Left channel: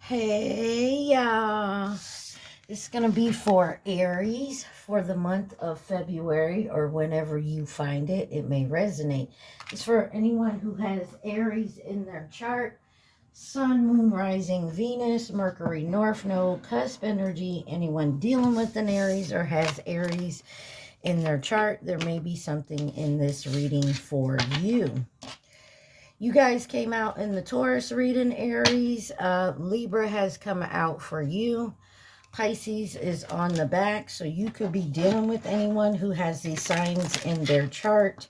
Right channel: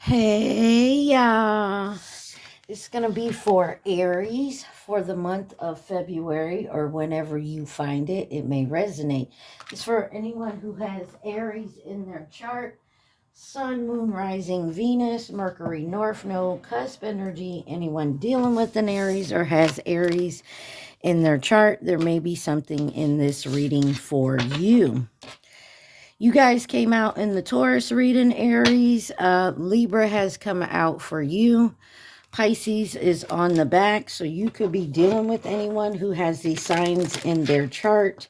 Hey, it's going to be for Aries for the month of February or whenever you find it. It may resonate. It's for anyone who has Aries in their chart. Sun, Moon, Rising, Venus, Mercury, North Node, cusp energy. Anyone dealing with an Aries or has Aries in their chart, there may be something in this reading for you. You guys came out in the Taurus reading, Aries. Libra has come out for you. Pisces is on the back, so you could be dealing with anyone who has these signs in their chart.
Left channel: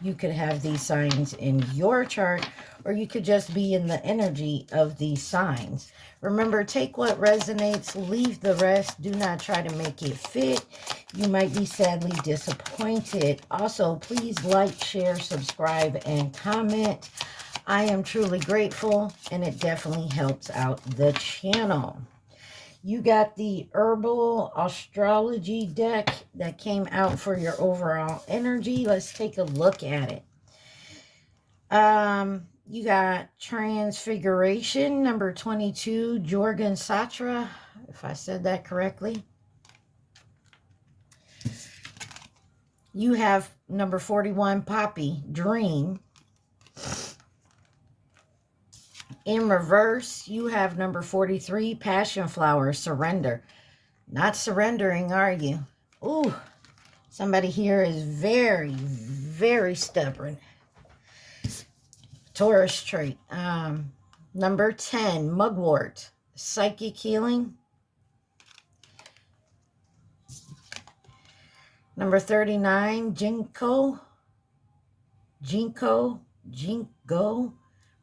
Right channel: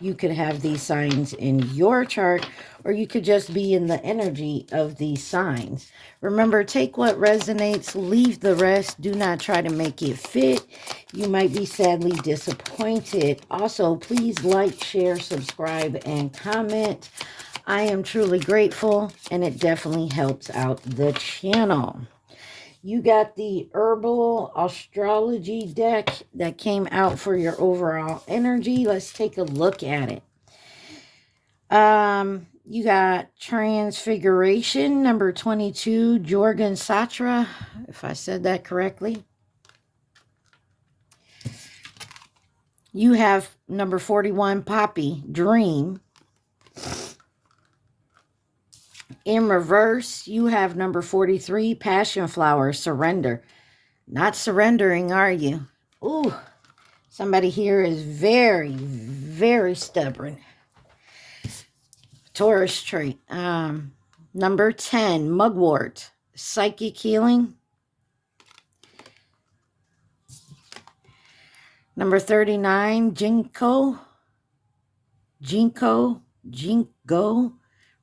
You could have these signs in your chart, or you could just be in the energy of these signs. Remember, take what resonates, leave the rest. Do not try to make it fit. You might be sadly disappointed. Also, please like, share, subscribe, and comment. I am truly grateful, and it definitely helps out the channel. You got the Herbal Astrology deck that came out for your overall energy. Let's take a look at it. You got Transfiguration, number 22, Jorgen Satra, if I said that correctly. You have number 41, Poppy, Dream. In reverse, you have number 43, Passion Flower, Surrender. Not surrendering, are you? Ooh, somebody here is very, very stubborn. Taurus trait. Number 10, Mugwort, Psychic Healing. Number 39, Jinko,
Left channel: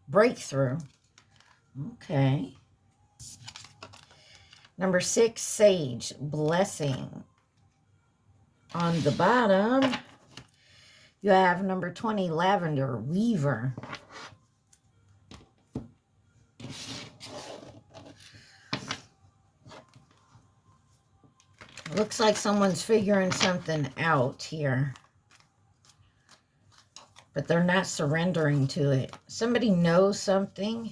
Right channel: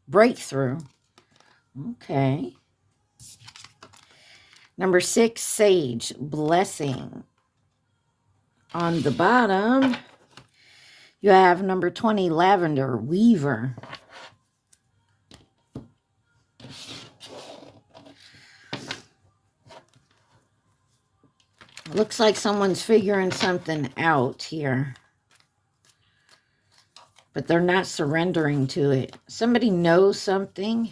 Breakthrough. Okay. Number 6, Sage, Blessing. On the bottom, you have number 20, Lavender, Weaver. Looks like someone's figuring something out here, but they're not surrendering to it. Somebody knows something,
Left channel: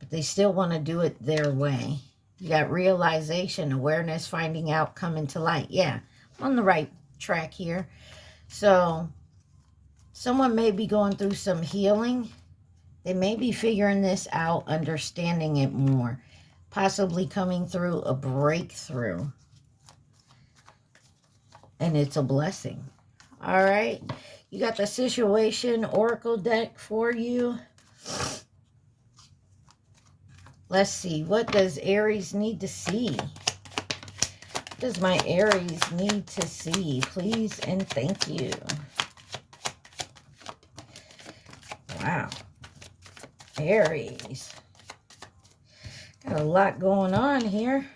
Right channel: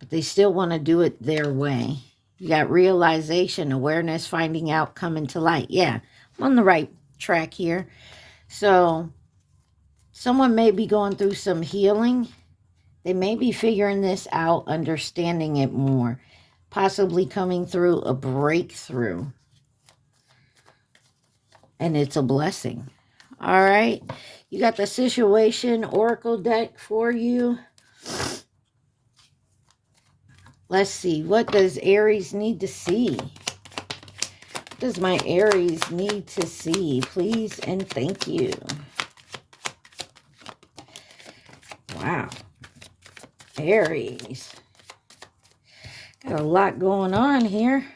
but they still want to do it their way. You got realization, awareness, finding out, coming to light. Yeah, I'm on the right track here. So someone may be going through some healing. They may be figuring this out, understanding it more, possibly coming through a breakthrough. And it's a blessing. All right. You got the Situation Oracle deck for you. Let's see. What does Aries need to see? What does my Aries need to see? Please and thank you. Wow. Aries. Got a lot going on here.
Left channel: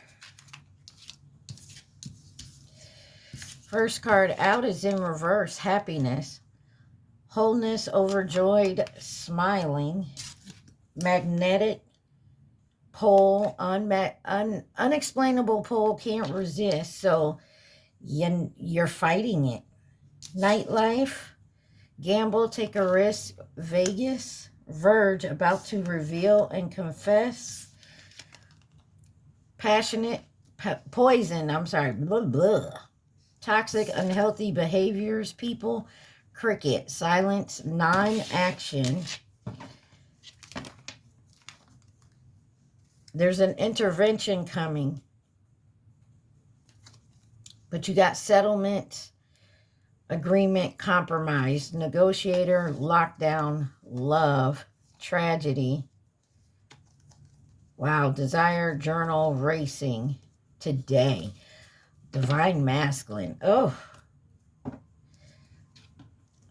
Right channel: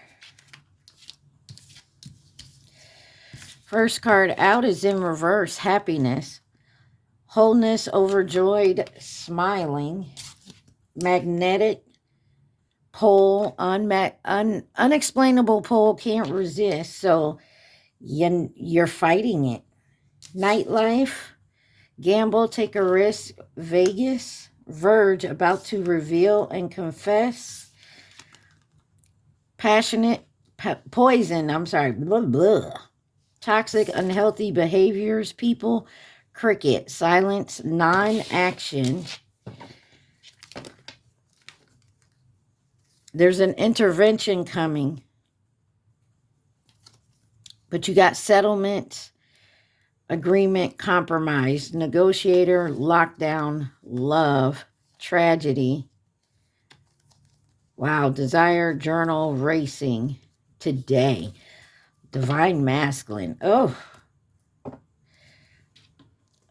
First card out is in reverse, Happiness. Wholeness, overjoyed, smiling. Magnetic pole, unexplainable pole, can't resist. So you're fighting it. Nightlife, gamble, take a risk, Vegas. Verge, about to reveal and confess. Passionate, poison, I'm sorry, blah, blah. Toxic, unhealthy behaviors, people. Cricket, silence, non-action. There's an intervention coming. But you got settlement, agreement, compromise, negotiator, lockdown, love, tragedy. Wow, desire, journal, racing, today. Divine masculine. Oh,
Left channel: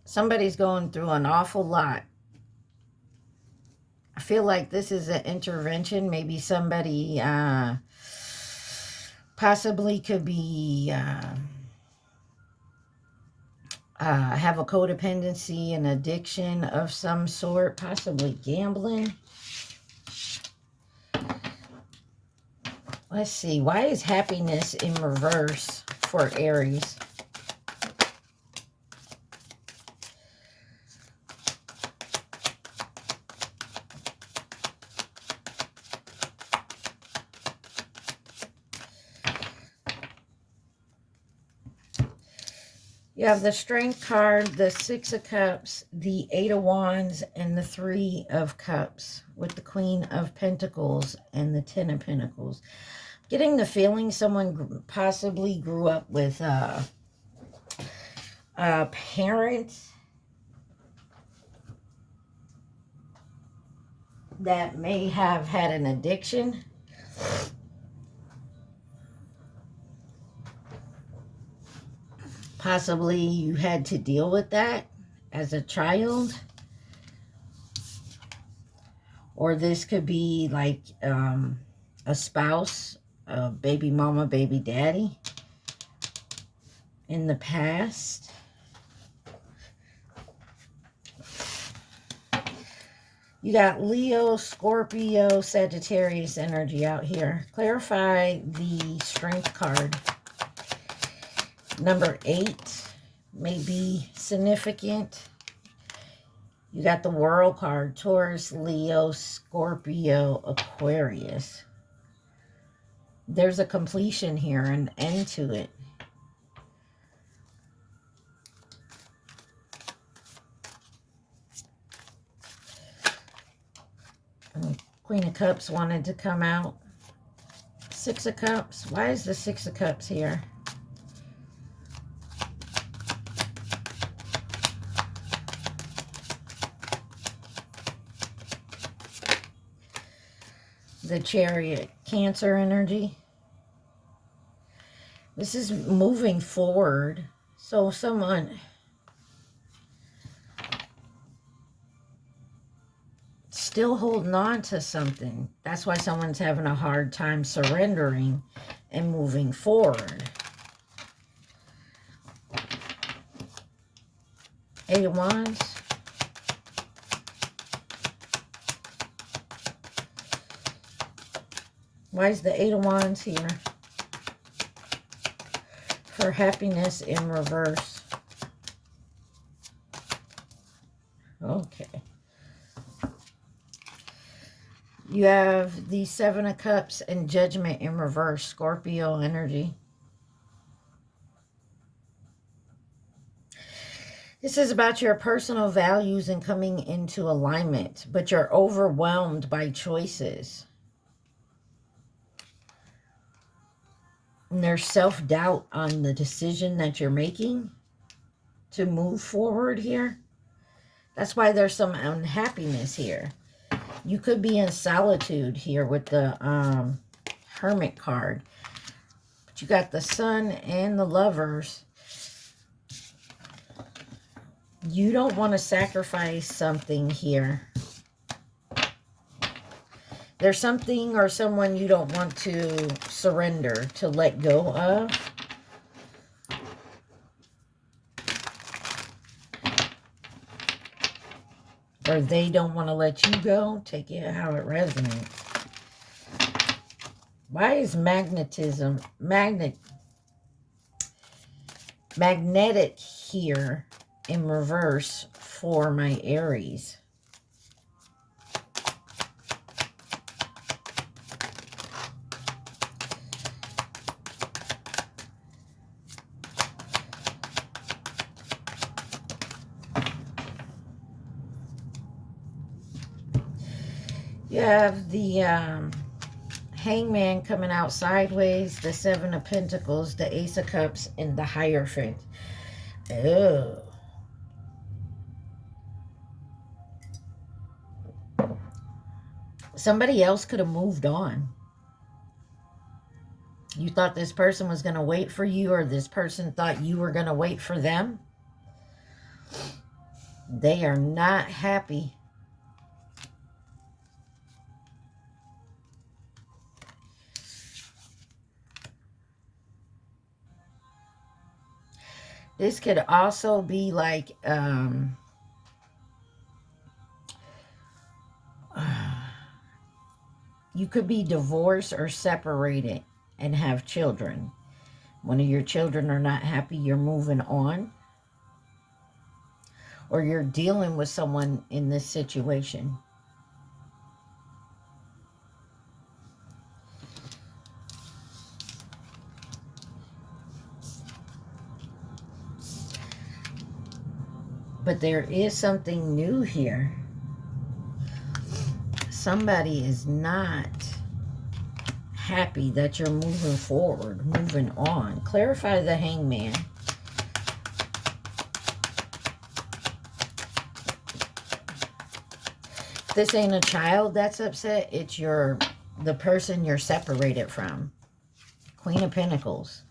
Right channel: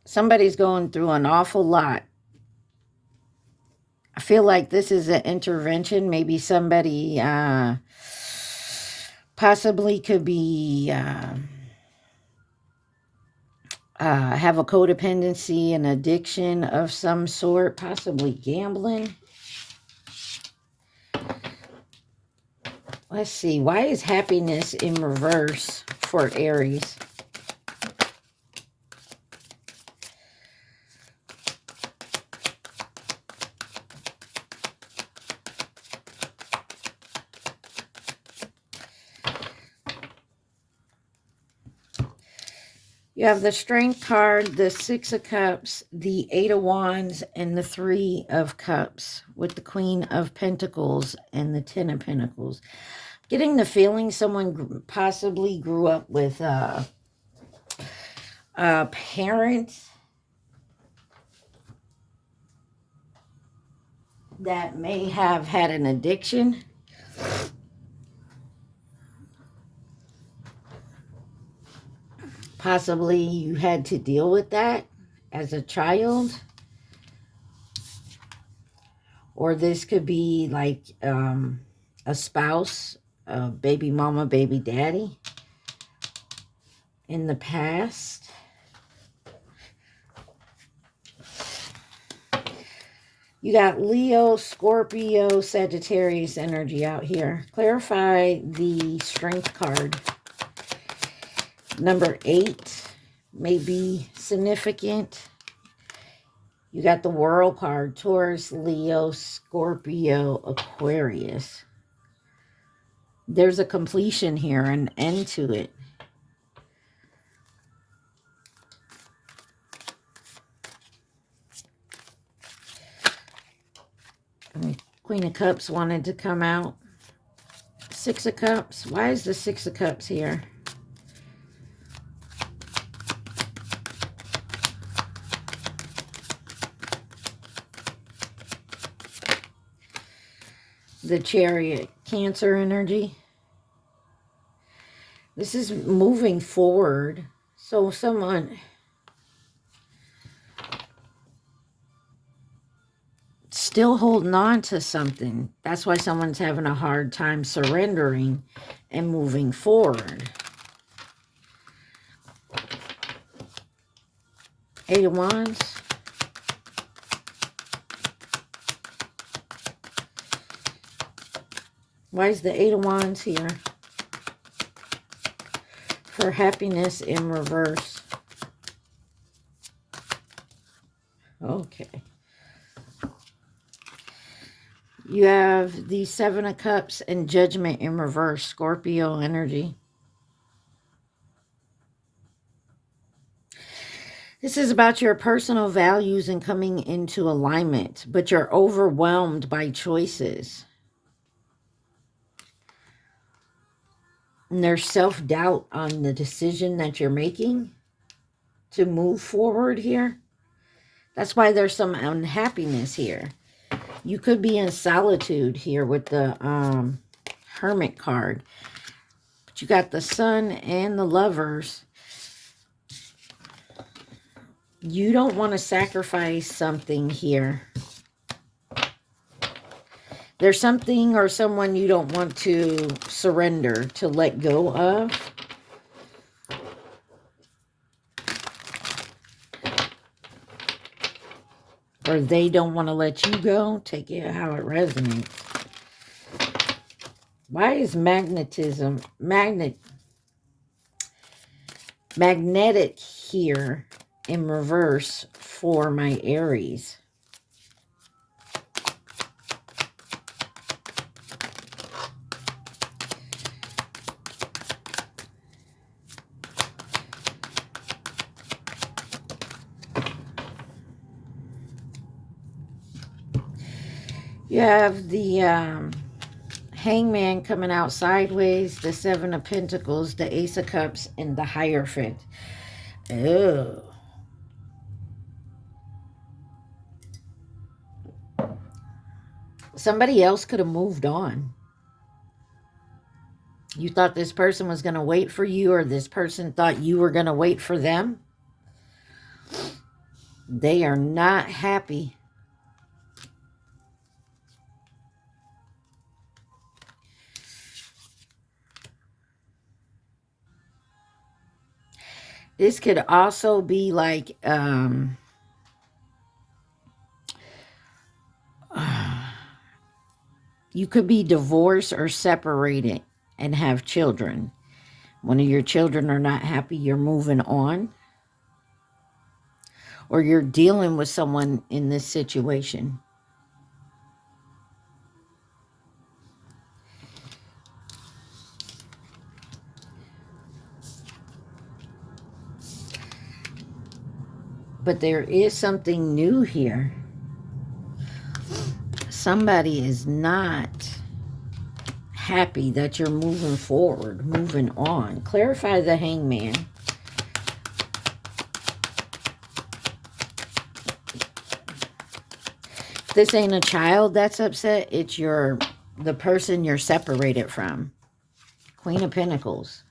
somebody's going through an awful lot. I feel like this is an intervention. Maybe somebody possibly could be have a codependency, an addiction of some sort, possibly gambling. Let's see. Why is happiness in reverse for Aries? You have the Strength card, the Six of Cups, the Eight of Wands, and the Three of Cups, with the Queen of Pentacles and the Ten of Pentacles. Getting the feeling someone possibly grew up with a parent that may have had an addiction. Possibly you had to deal with that as a child. Or this could be like a spouse, a baby mama, baby daddy in the past. You got Leo, Scorpio, Sagittarius energy out here. Clarify the Strength card. Number 8 may be significant. You got the World card. Taurus, Leo, Scorpio, Aquarius. There's a completion here, an end to it. Queen of Cups wanted to come out. Six of Cups. Why is the Six of Cups here? The Chariot. Cancer energy. This is moving forward. So someone still holding on to something. That's why someone's having a hard time surrendering and moving forward. Eight of Wands. Why is the Eight of Wands here? For happiness in reverse. Okay. You have the Seven of Cups and Judgment in reverse. Scorpio energy. This is about your personal values and coming into alignment, but you're overwhelmed by choices. And there's self-doubt on the decision that you're making to move forward here. That's why there's some unhappiness here. You could be in solitude here with the Hermit card. But you got the Sun and the Lovers. You don't want to sacrifice something here. There's something or someone you don't want to surrender, to let go of. Or they don't want to let you go. Take it how it resonates. Why is magnetic here in reverse for my Aries? You have the Hangman coming out sideways, the Seven of Pentacles, the Ace of Cups, and the Hierophant. Oh. Somebody else could have moved on. You thought this person was going to wait for you, or this person thought you were going to wait for them. They are not happy. This could also be like you could be divorced or separated and have children. One of your children are not happy, you're moving on. Or you're dealing with someone in this situation. But there is something new here. Somebody is not happy that you're moving forward, moving on. Clarify the Hangman. If this ain't a child that's upset, it's the person you're separated from. Queen of Pentacles.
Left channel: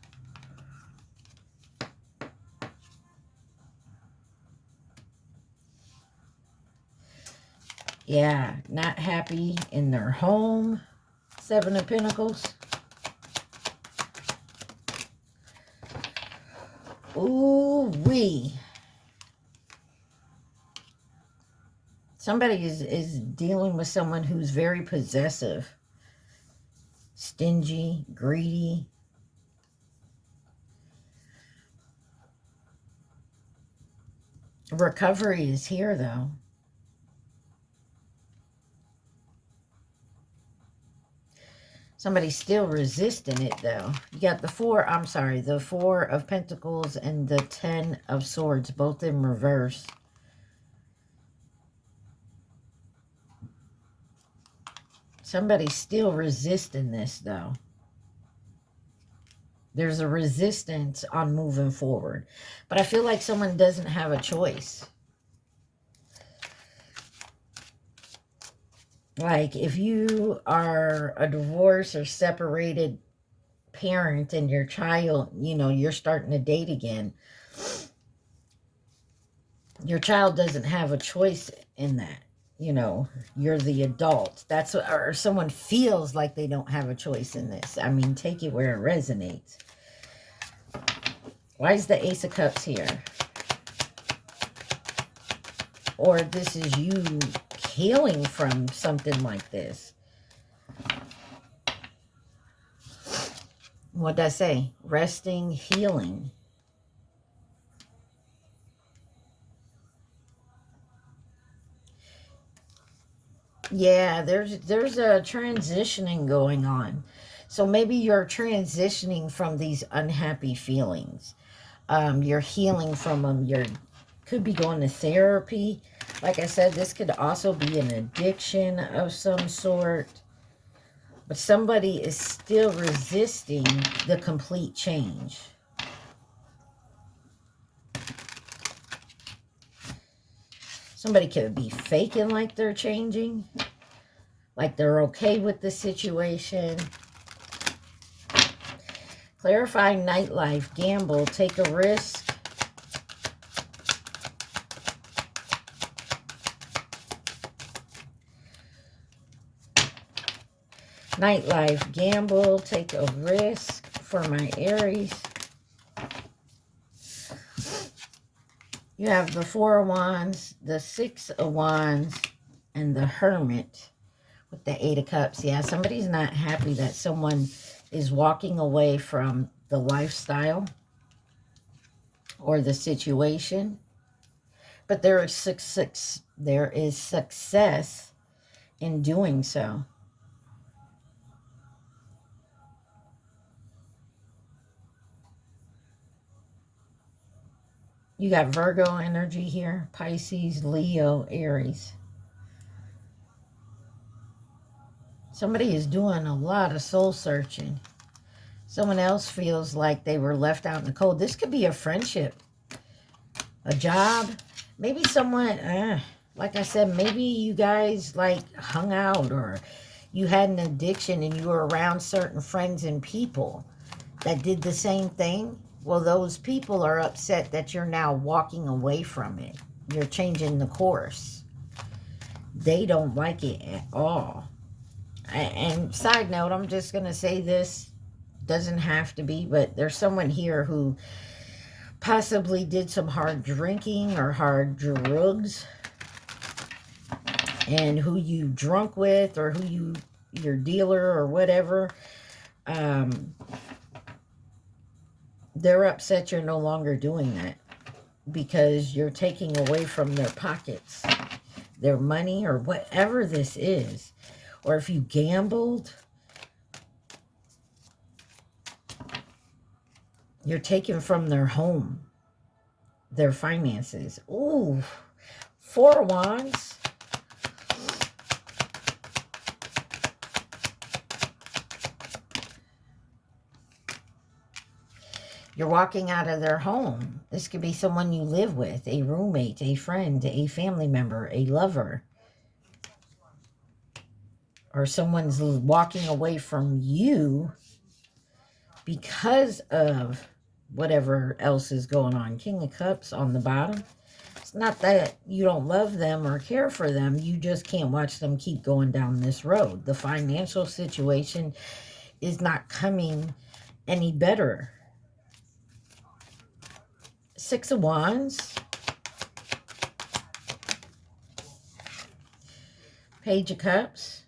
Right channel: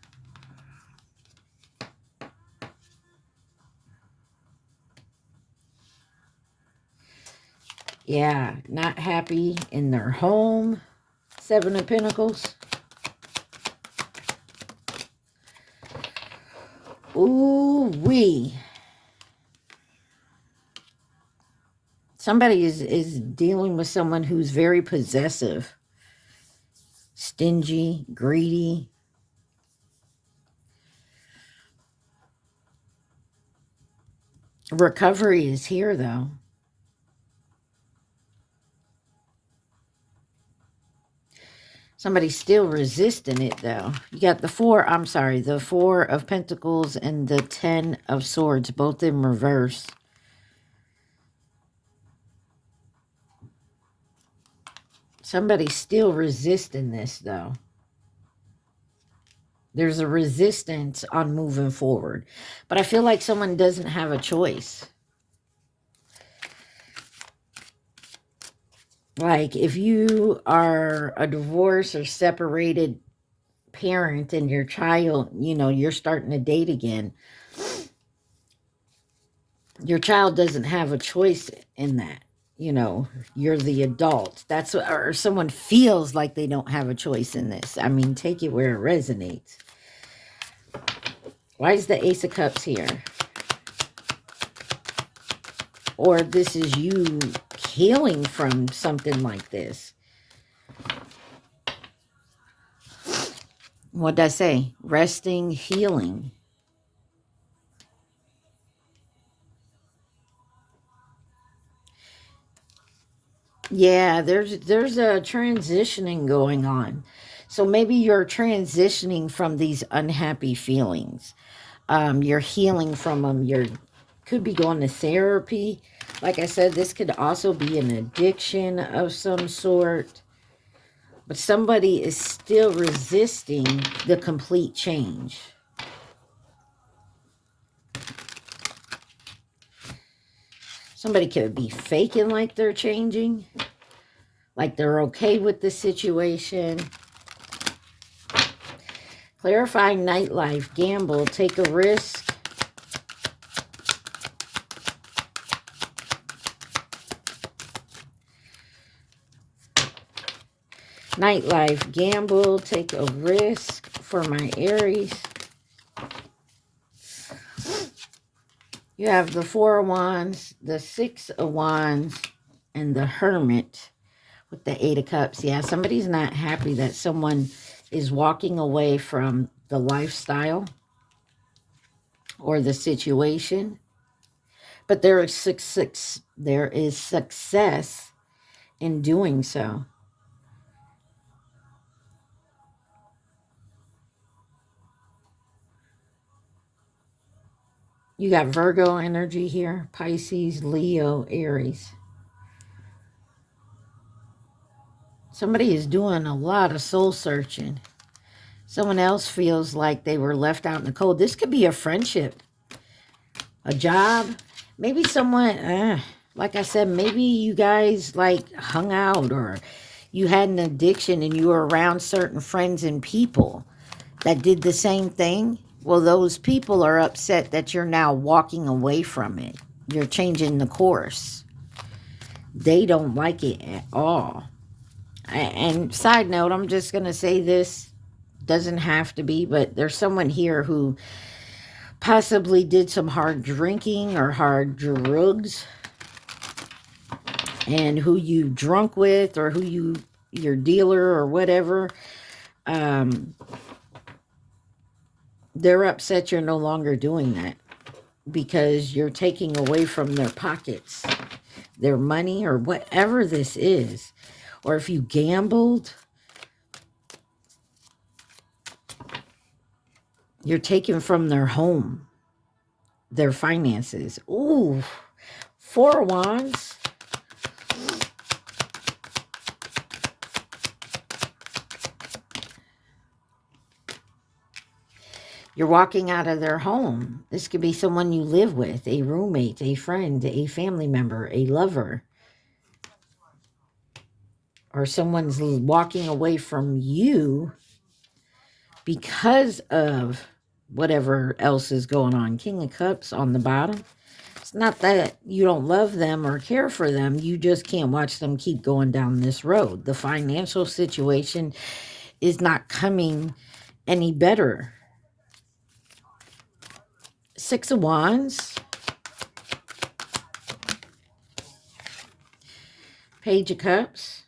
Yeah, not happy in their home. Seven of Pentacles. Ooh-wee. Somebody is dealing with someone who's very possessive. Stingy, greedy. Recovery is here, though. Somebody's still resisting it, though. You got the Four of Pentacles and the 10 of Swords, both in reverse. Somebody's still resisting this, though. There's a resistance on moving forward. But I feel like someone doesn't have a choice. Like, if you are a divorced or separated parent and your child, you know, you're starting to date again, your child doesn't have a choice in that. You know, you're the adult. That's what, or someone feels like they don't have a choice in this. I mean, take it where it resonates. Why is the Ace of Cups here? Or this is you healing from something like this. What did I say? Resting, healing. Yeah, there's a transitioning going on. So maybe you're transitioning from these unhappy feelings. You're healing from them. Could be going to therapy. Like I said, this could also be an addiction of some sort. But somebody is still resisting the complete change. Somebody could be faking like they're changing. Like they're okay with the situation. Clarifying nightlife. Gamble. Take a risk. Nightlife. Gamble. Take a risk for my Aries. You have the Four of Wands, the Six of Wands, and the Hermit with the Eight of Cups. Yeah, somebody's not happy that someone is walking away from the lifestyle or the situation. But there is success in doing so. You got Virgo energy here, Pisces, Leo, Aries. Somebody is doing a lot of soul searching. Someone else feels like they were left out in the cold. This could be a friendship, a job. Maybe someone, like I said, maybe you guys like hung out, or you had an addiction and you were around certain friends and people that did the same thing. Well, those people are upset that you're now walking away from it. You're changing the course. They don't like it at all. And side note, I'm just going to say this. Doesn't have to be, but there's someone here who possibly did some hard drinking or hard drugs. And who you drunk with, or who your dealer or whatever. They're upset you're no longer doing that, because you're taking away from their pockets, their money, or whatever this is. Or if you gambled, you're taking from their home. their finances. Ooh, 4 of Wands. You're walking out of their home. This could be someone you live with, a roommate, a friend, a family member, a lover. Or someone's walking away from you because of whatever else is going on. King of Cups on the bottom. It's not that you don't love them or care for them. You just can't watch them keep going down this road. The financial situation is not coming any better. 6 of Wands. Page of Cups.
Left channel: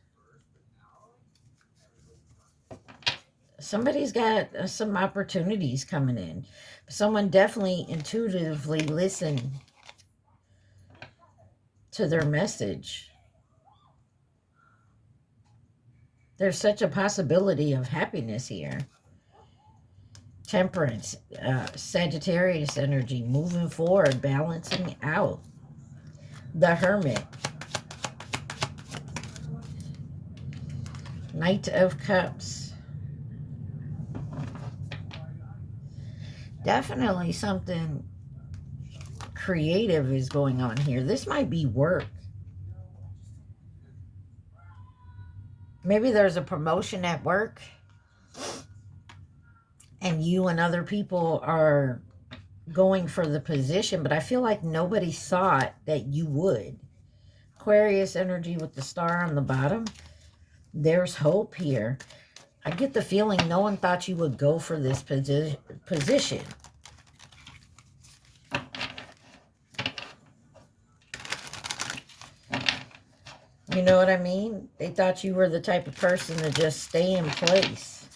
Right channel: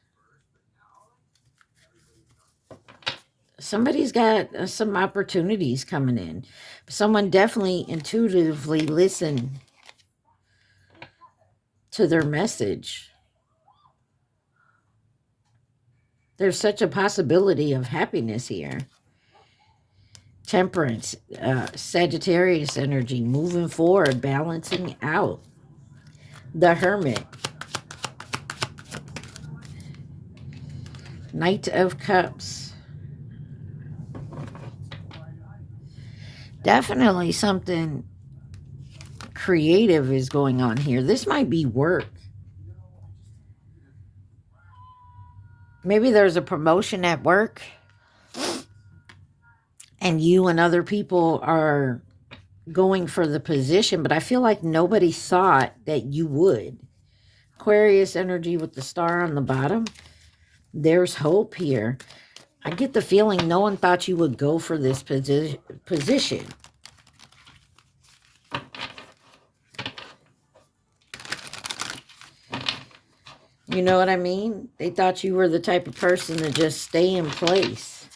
Somebody's got some opportunities coming in. Someone definitely intuitively listened to their message. There's such a possibility of happiness here. Temperance, Sagittarius energy, moving forward, balancing out. The Hermit. Knight of Cups. Definitely something creative is going on here. This might be work. Maybe there's a promotion at work and you and other people are going for the position, but I feel like nobody thought that you would. Aquarius energy with the star on the bottom. There's hope here. I get the feeling no one thought you would go for this position. You know what I mean? They thought you were the type of person to just stay in place.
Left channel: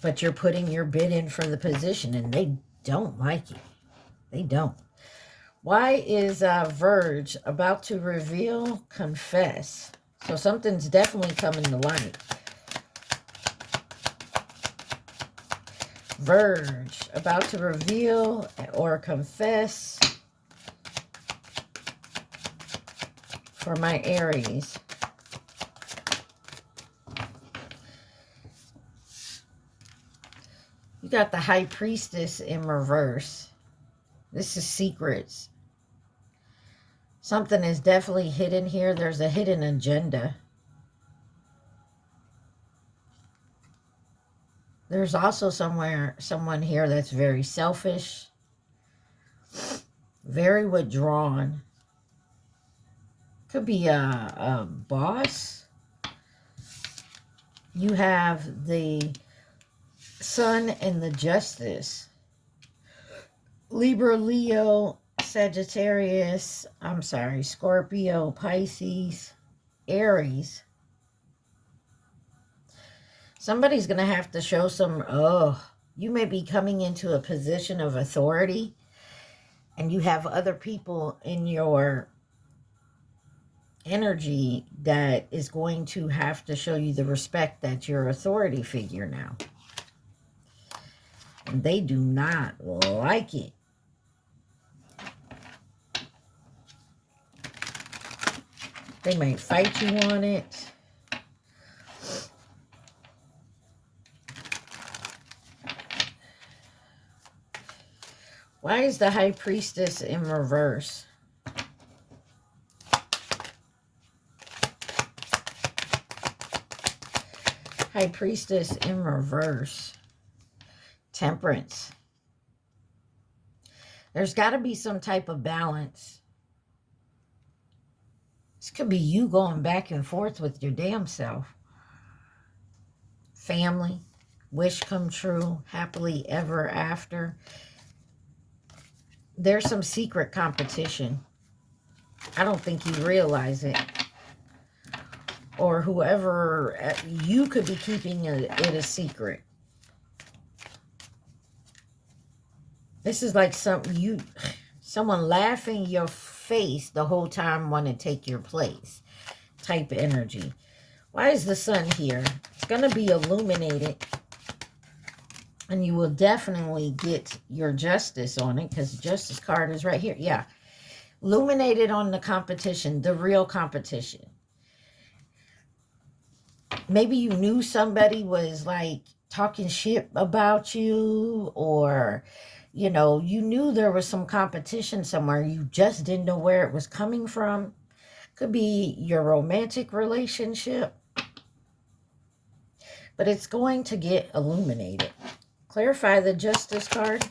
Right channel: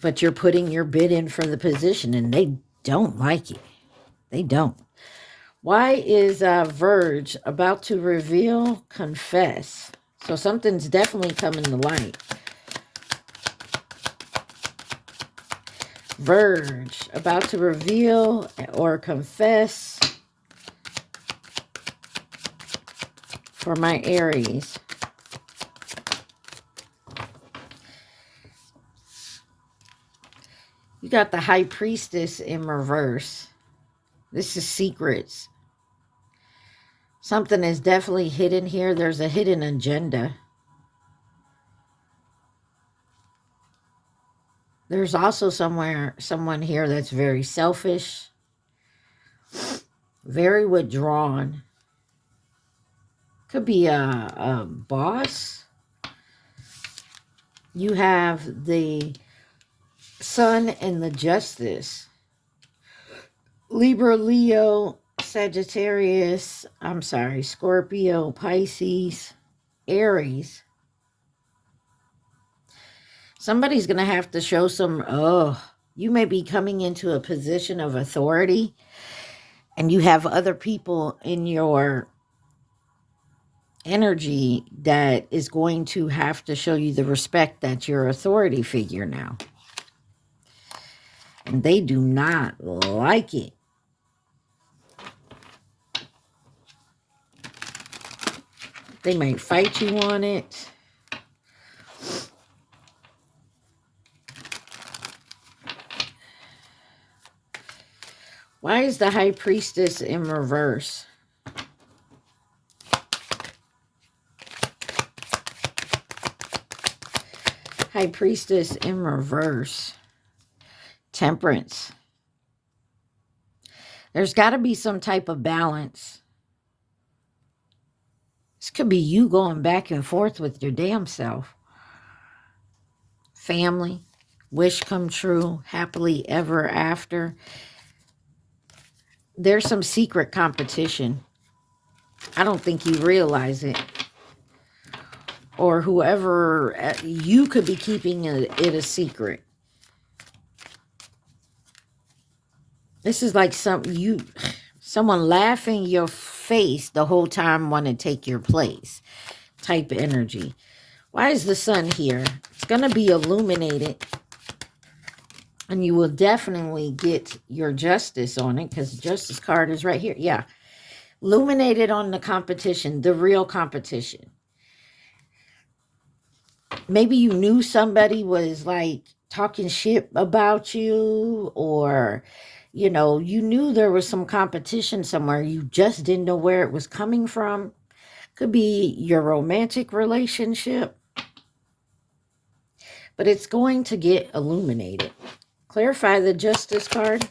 But you're putting your bid in for the position, and they don't like it. They don't. Why is Verge about to reveal, confess? So something's definitely coming to light. Verge, about to reveal or confess for my Aries. You got the High Priestess in reverse. This is secrets. Something is definitely hidden here. There's a hidden agenda. There's also someone here that's very selfish, very withdrawn. Could be a boss. You have the Sun and the Justice. Libra, Leo, Sagittarius, Scorpio, Pisces, Aries. Somebody's going to have to show some, you may be coming into a position of authority and you have other people in your energy that is going to have to show you the respect that you're an authority figure now. And they do not like it. They might fight you on it. Why is the High Priestess in reverse? High Priestess in reverse. Temperance. There's got to be some type of balance. This could be you going back and forth with your damn self. Family. Wish come true. Happily ever after. There's some secret competition. I don't think you realize it. Or whoever, you could be keeping it a secret. This is like someone laughing your face the whole time want to take your place type energy. Why is the Sun here? It's going to be illuminated. And you will definitely get your justice on it, because the justice card is right here. Yeah. Illuminated on the competition, the real competition. Maybe you knew somebody was like talking shit about you, or, you know, you knew there was some competition somewhere. You just didn't know where it was coming from. Could be your romantic relationship, but it's going to get illuminated. Clarify the justice card.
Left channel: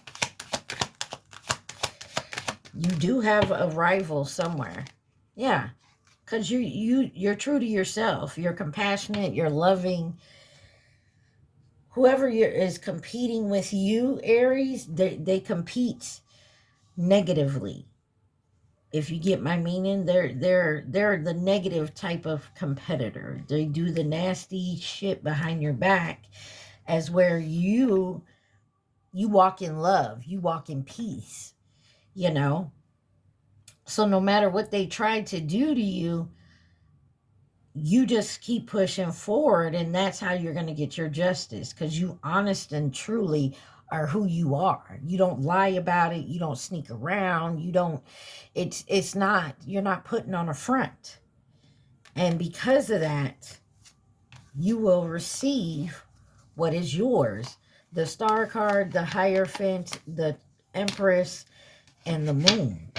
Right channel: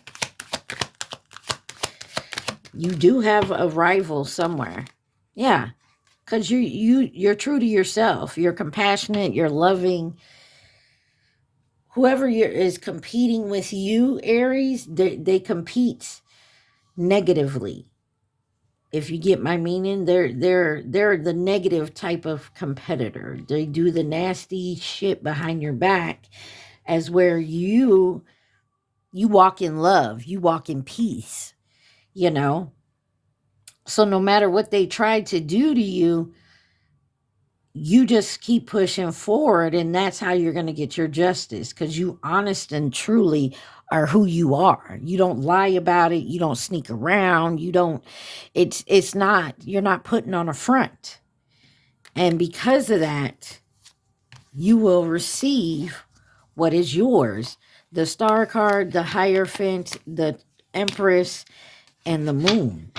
You do have a rival somewhere. Yeah, because you're true to yourself. You're compassionate. You're loving. Whoever is competing with you, Aries, they compete negatively. If you get my meaning, they're the negative type of competitor. They do the nasty shit behind your back, as where you walk in love, you walk in peace, you know. So no matter what they try to do to you, you just keep pushing forward, and that's how you're going to get your justice, because you honest and truly are who you are. You don't lie about it. You don't sneak around. You don't, it's not, you're not putting on a front. And because of that, you will receive what is yours. The Star card, the Hierophant, the Empress, and the Moon.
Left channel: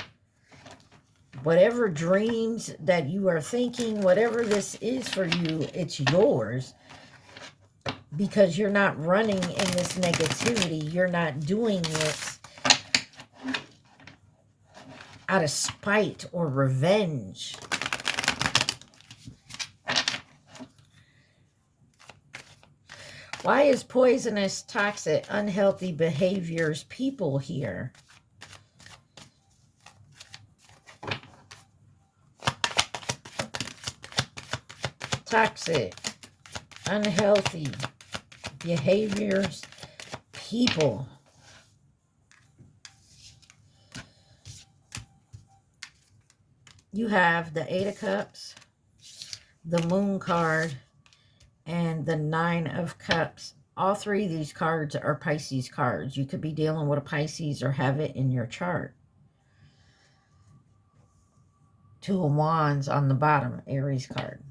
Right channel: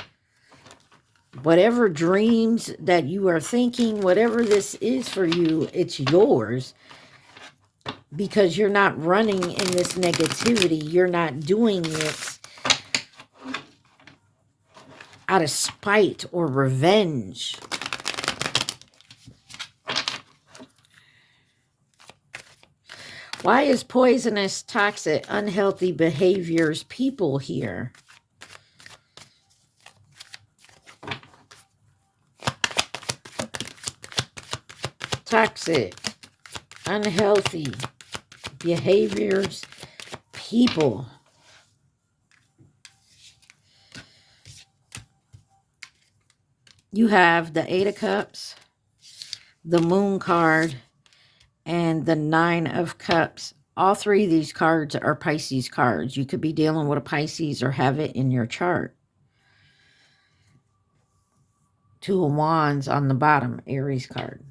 Whatever dreams that you are thinking, whatever this is for you, it's yours, because you're not running in this negativity. You're not doing it out of spite or revenge. Why is poisonous, toxic, unhealthy behaviors people here? Toxic, unhealthy behaviors, people. You have the Eight of Cups, the Moon card, and the Nine of Cups. All three of these cards are Pisces cards. You could be dealing with a Pisces or have it in your chart. Two of Wands on the bottom, Aries card.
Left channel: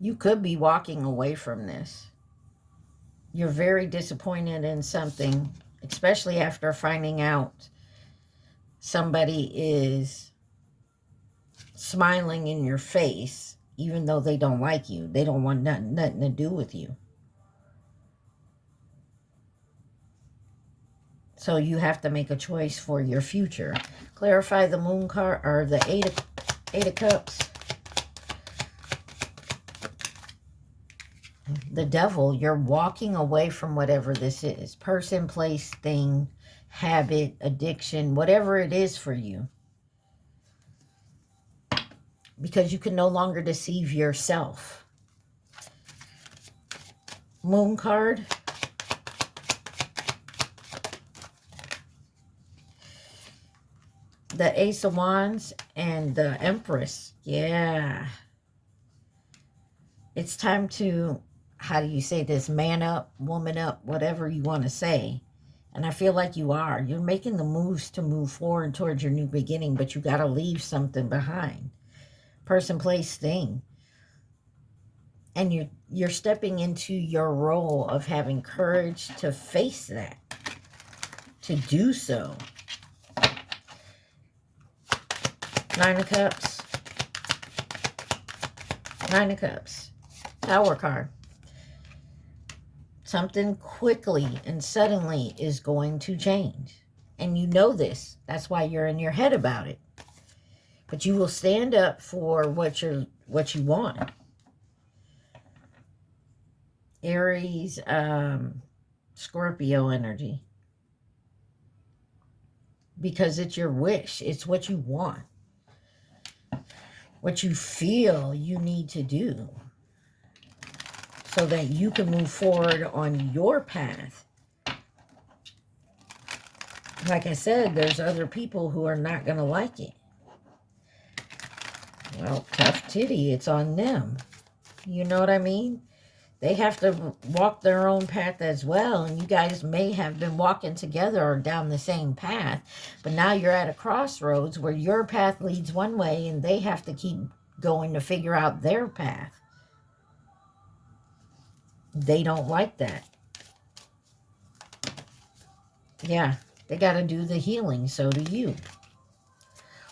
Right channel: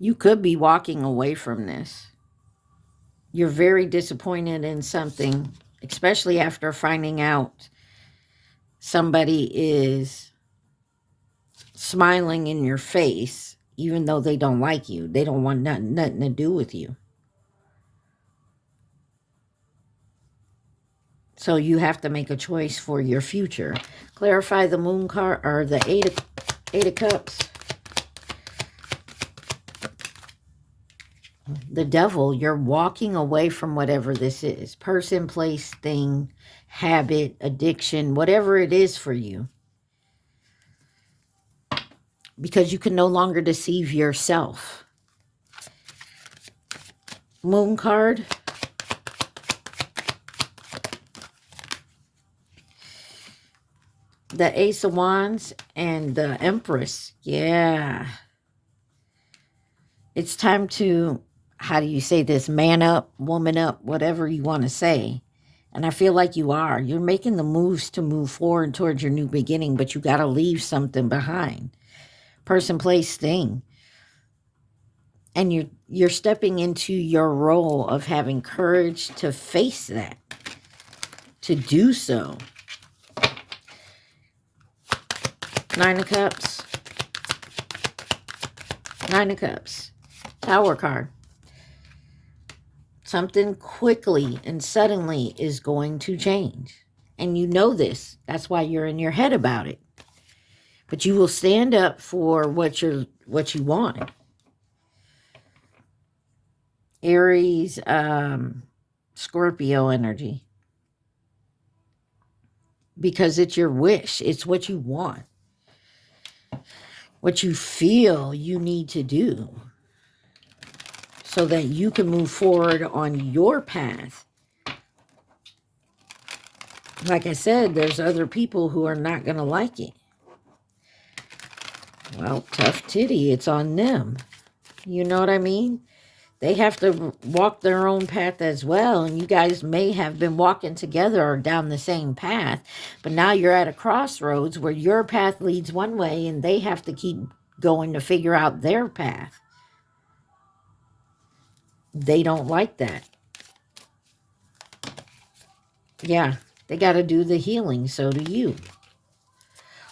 You could be walking away from this. You're very disappointed in something, especially after finding out somebody is smiling in your face, even though they don't like you. They don't want nothing to do with you. So you have to make a choice for your future. Clarify the Moon card, or the Eight of Cups. The Devil, you're walking away from whatever this is. Person, place, thing, habit, addiction, whatever it is for you. Because you can no longer deceive yourself. Moon card. The Ace of Wands and the Empress. Yeah. It's time to, how do you say this? Man up, woman up, whatever you want to say. And I feel like you are. You're making the moves to move forward towards your new beginning, but you got to leave something behind. Person, place, thing. And you're stepping into your role of having courage to face that. To do so. Nine of Cups. Nine of Cups. Tower card. Something quickly and suddenly is going to change. And you know this. That's why you're in your head about it. But you will stand up for what you want. Aries, Scorpio energy. Because it's your wish. It's what you want. What you feel you need to do. So that you can move forward on your path. Like I said, there's other people who are not going to like it. Well, tough titty. It's on them. You know what I mean? They have to walk their own path as well. And you guys may have been walking together or down the same path. But now you're at a crossroads where your path leads one way and they have to keep going to figure out their path. They don't like that. Yeah, they got to do the healing. So do you.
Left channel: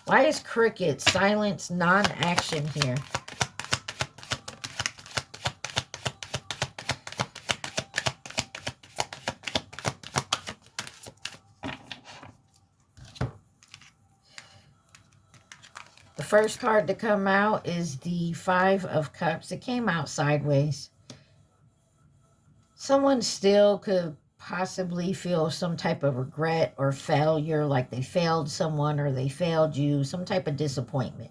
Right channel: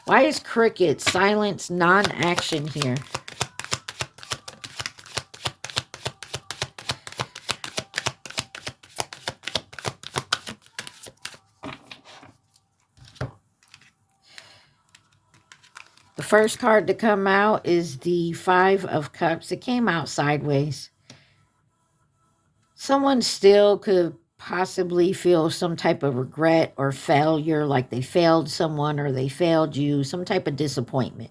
Why is cricket, silence, non-action here? The first card to come out is the Five of Cups. It came out sideways. Someone still could possibly feel some type of regret or failure, like they failed someone or they failed you, some type of disappointment,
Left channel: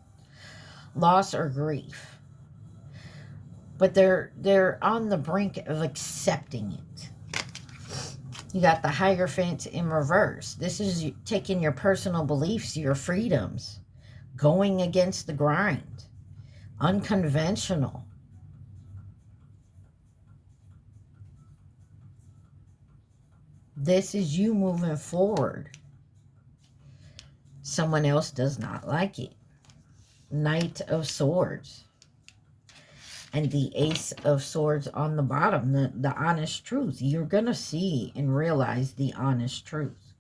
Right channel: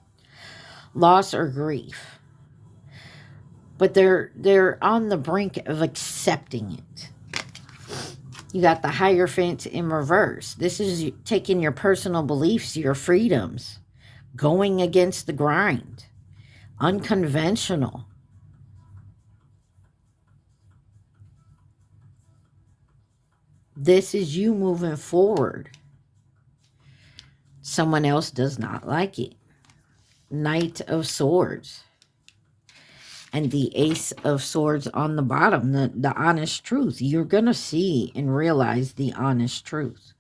loss or grief. But they're on the brink of accepting it. You got the Hierophant in reverse. This is taking your personal beliefs, your freedoms, going against the grind, unconventional. This is you moving forward. Someone else does not like it. Knight of Swords. And the Ace of Swords on the bottom, the honest truth. You're going to see and realize the honest truth.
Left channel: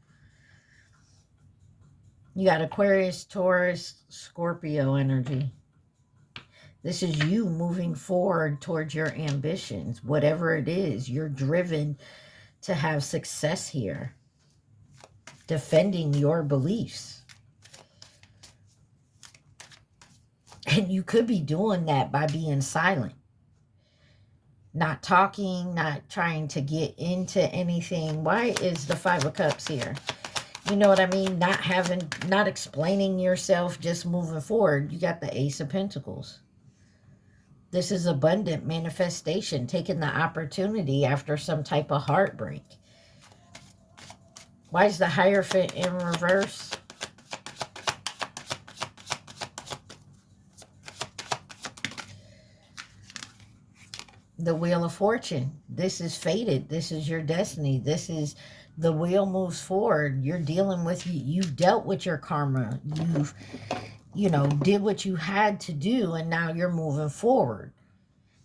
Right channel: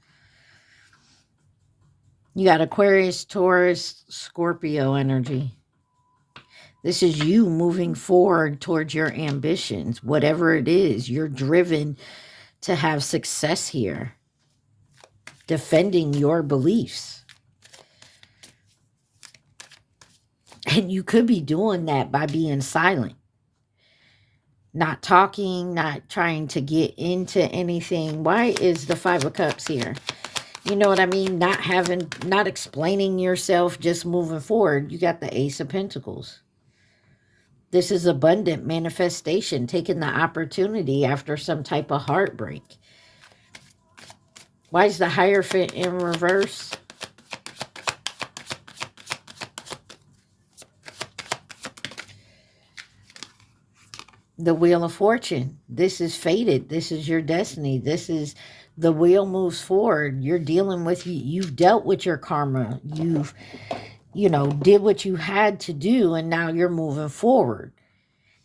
You got Aquarius, Taurus, Scorpio energy. This is you moving forward towards your ambitions. Whatever it is, you're driven to have success here. Defending your beliefs. And you could be doing that by being silent. Not talking, not trying to get into anything. Why is the Five of Cups here? You know what I mean? Not explaining yourself, just moving forward. You got the Ace of Pentacles. This is abundant manifestation, taking the opportunity after some type of heartbreak. Why is the Hierophant in reverse? The Wheel of Fortune. This is fated. This is your destiny. This is the wheel moves forward. You're dealing with, you've dealt with your karma. You've, did what you had to do, and now you're moving forward.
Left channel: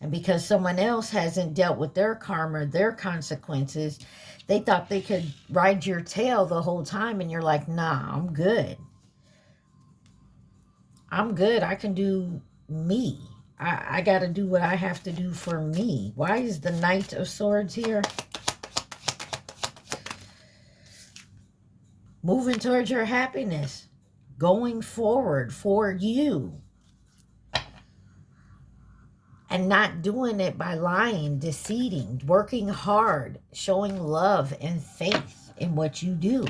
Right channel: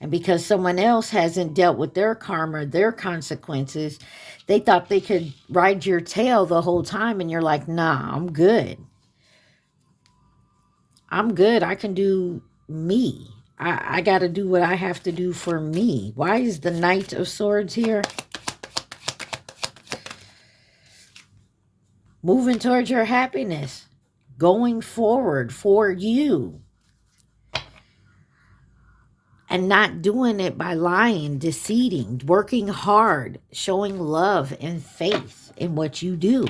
And because someone else hasn't dealt with their karma, their consequences, they thought they could ride your tail the whole time, and you're like, nah, I'm good. I'm good. I can do me. I got to do what I have to do for me. Why is the Knight of Swords here? Moving towards your happiness. Going forward for you. And not doing it by lying, deceiving, working hard, showing love and faith in what you do.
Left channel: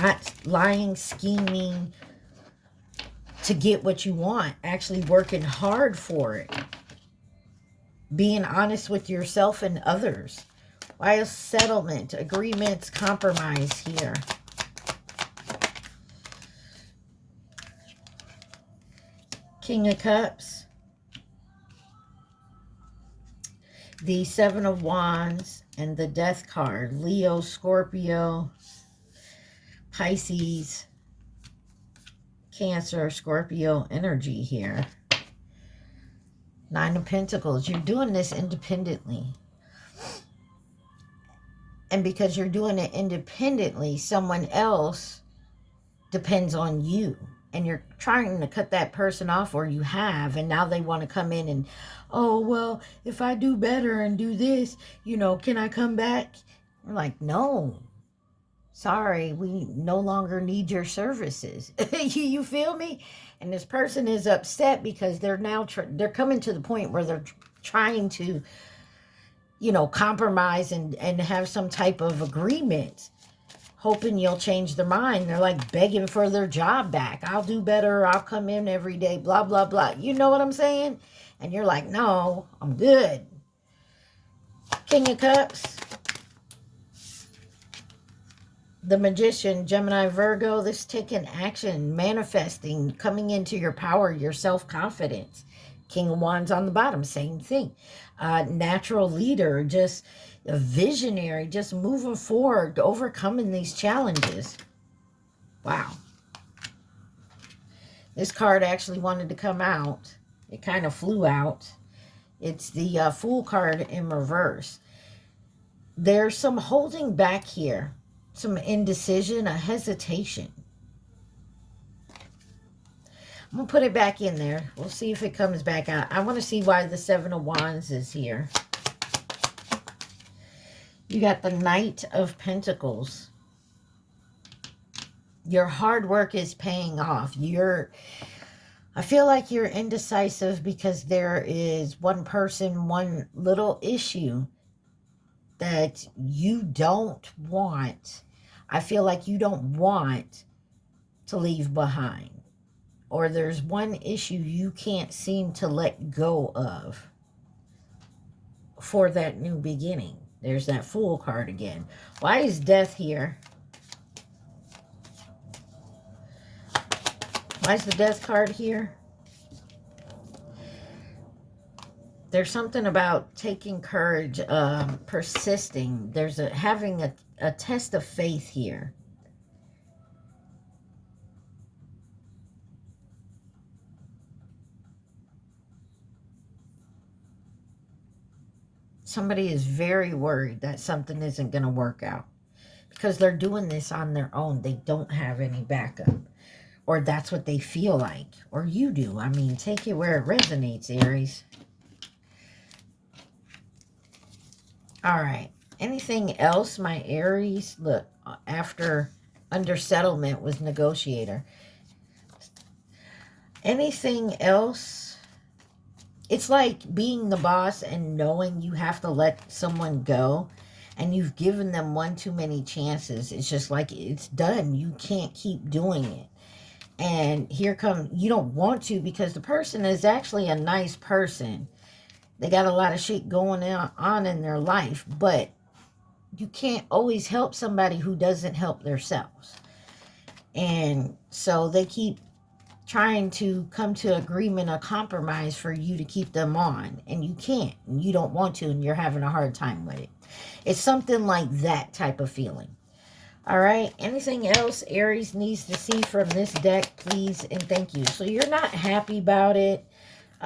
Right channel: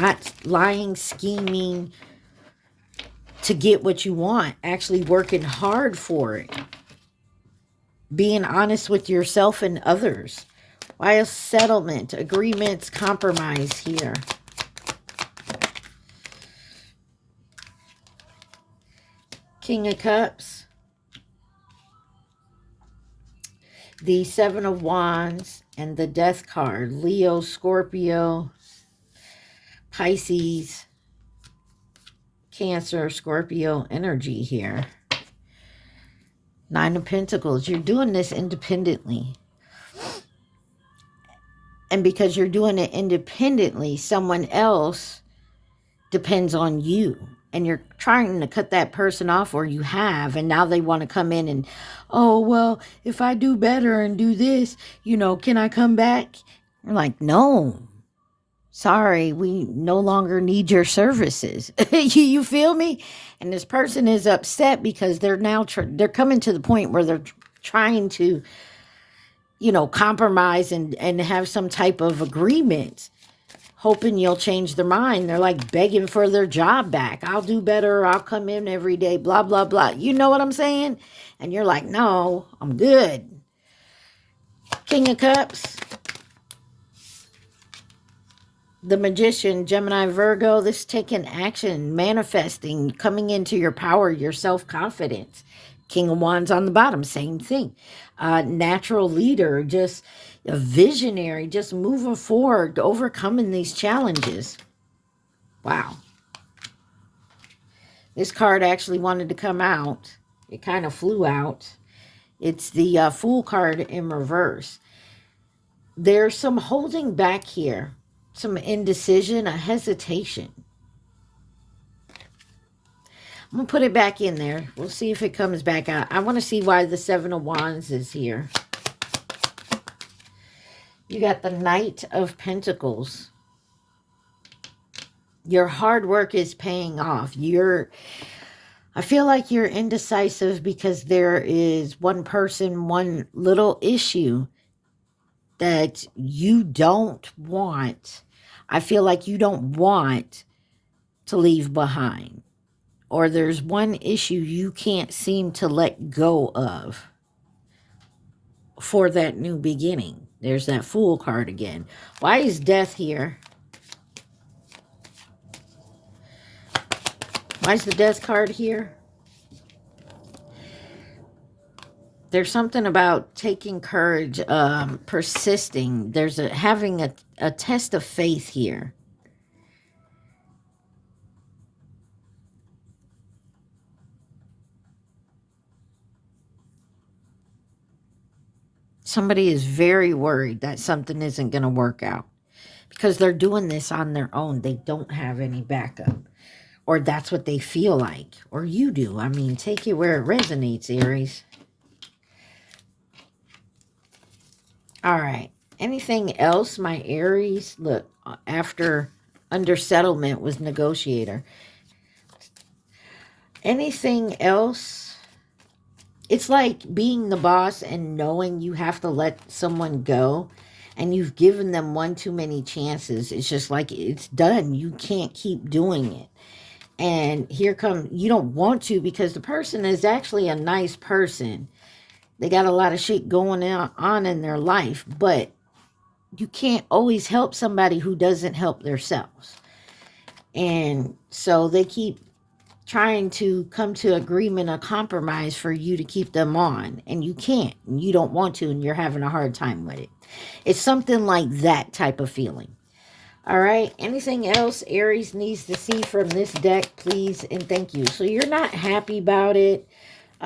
Not lying, scheming to get what you want. Actually working hard for it. Being honest with yourself and others. Why is settlement, agreements, compromise here? King of Cups. The Seven of Wands and the Death card. Leo, Scorpio, Pisces, Cancer, Scorpio energy here. Nine of Pentacles. You're doing this independently. And because you're doing it independently, someone else depends on you. And you're trying to cut that person off, or you have, and now they want to come in and, oh, well, if I do better and do this, can I come back? You're like, no. Sorry, we no longer need your services. You feel me? And this person is upset because they're now they're coming to the point where they're trying to, compromise and have some type of agreement, hoping you'll change their mind. They're like begging for their job back. I'll do better. I'll come in every day, blah, blah, blah. You know what I'm saying? And you're like, no, I'm good. King of Cups. The Magician, Gemini, Virgo, this is taking action, manifesting, coming into your power, your self-confidence. King of Wands on the bottom, same thing. Natural leader, just a visionary, just moving forward, overcoming these challenges. Wow. This card actually wanted to come out. It kind of flew out. It's the Fool card in reverse. There's some holding back here, some indecision, a hesitation. I'm going to put it back in there. We'll see if it comes back out. I want to see why the Seven of Wands is here. You got the Knight of Pentacles. Your hard work is paying off. I feel like you're indecisive because there is one person, one little issue that you don't want. I feel like you don't want to leave behind. Or there's one issue you can't seem to let go of for that new beginning. There's that Fool card again. Why is Death here? Why is the Death card here? There's something about taking courage, persisting. There's having a test of faith here. Somebody is very worried that something isn't going to work out because they're doing this on their own. They don't have any backup, or that's what they feel like, or you do. I mean, take it where it resonates, Aries. All right. Anything else, my Aries? Look, after under settlement was negotiator. Anything else? It's like being the boss and knowing you have to let someone go and you've given them one too many chances. It's just like it's done. You can't keep doing it. And here come, you don't want to because the person is actually a nice person. They got a lot of shit going on in their life, but you can't always help somebody who doesn't help themselves. And so they keep trying to come to agreement, a compromise for you to keep them on. And you can't. And you don't want to, and you're having a hard time with it. It's something like that type of feeling. All right. Anything else Aries needs to see from this deck, please and thank you. So you're not happy about it.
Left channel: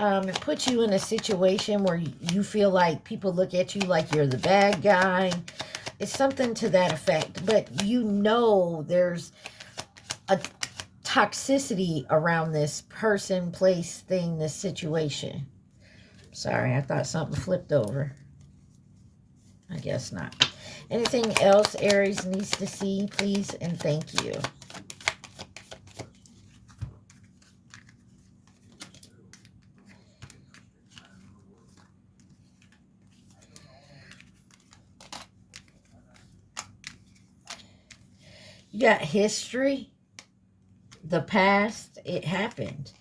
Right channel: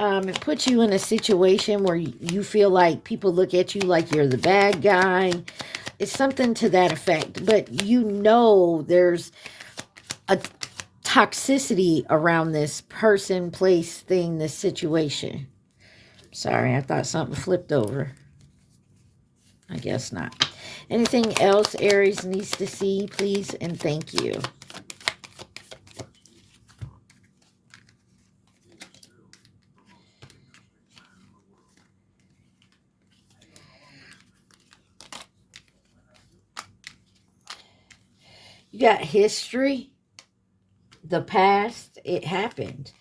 It puts you in a situation where you feel like people look at you like you're the bad guy. It's something to that effect. But you know there's a toxicity around this person, place, thing, this situation. Sorry, I thought something flipped over. I guess not. Anything else Aries needs to see, please and thank you. You got history, the past, it happened.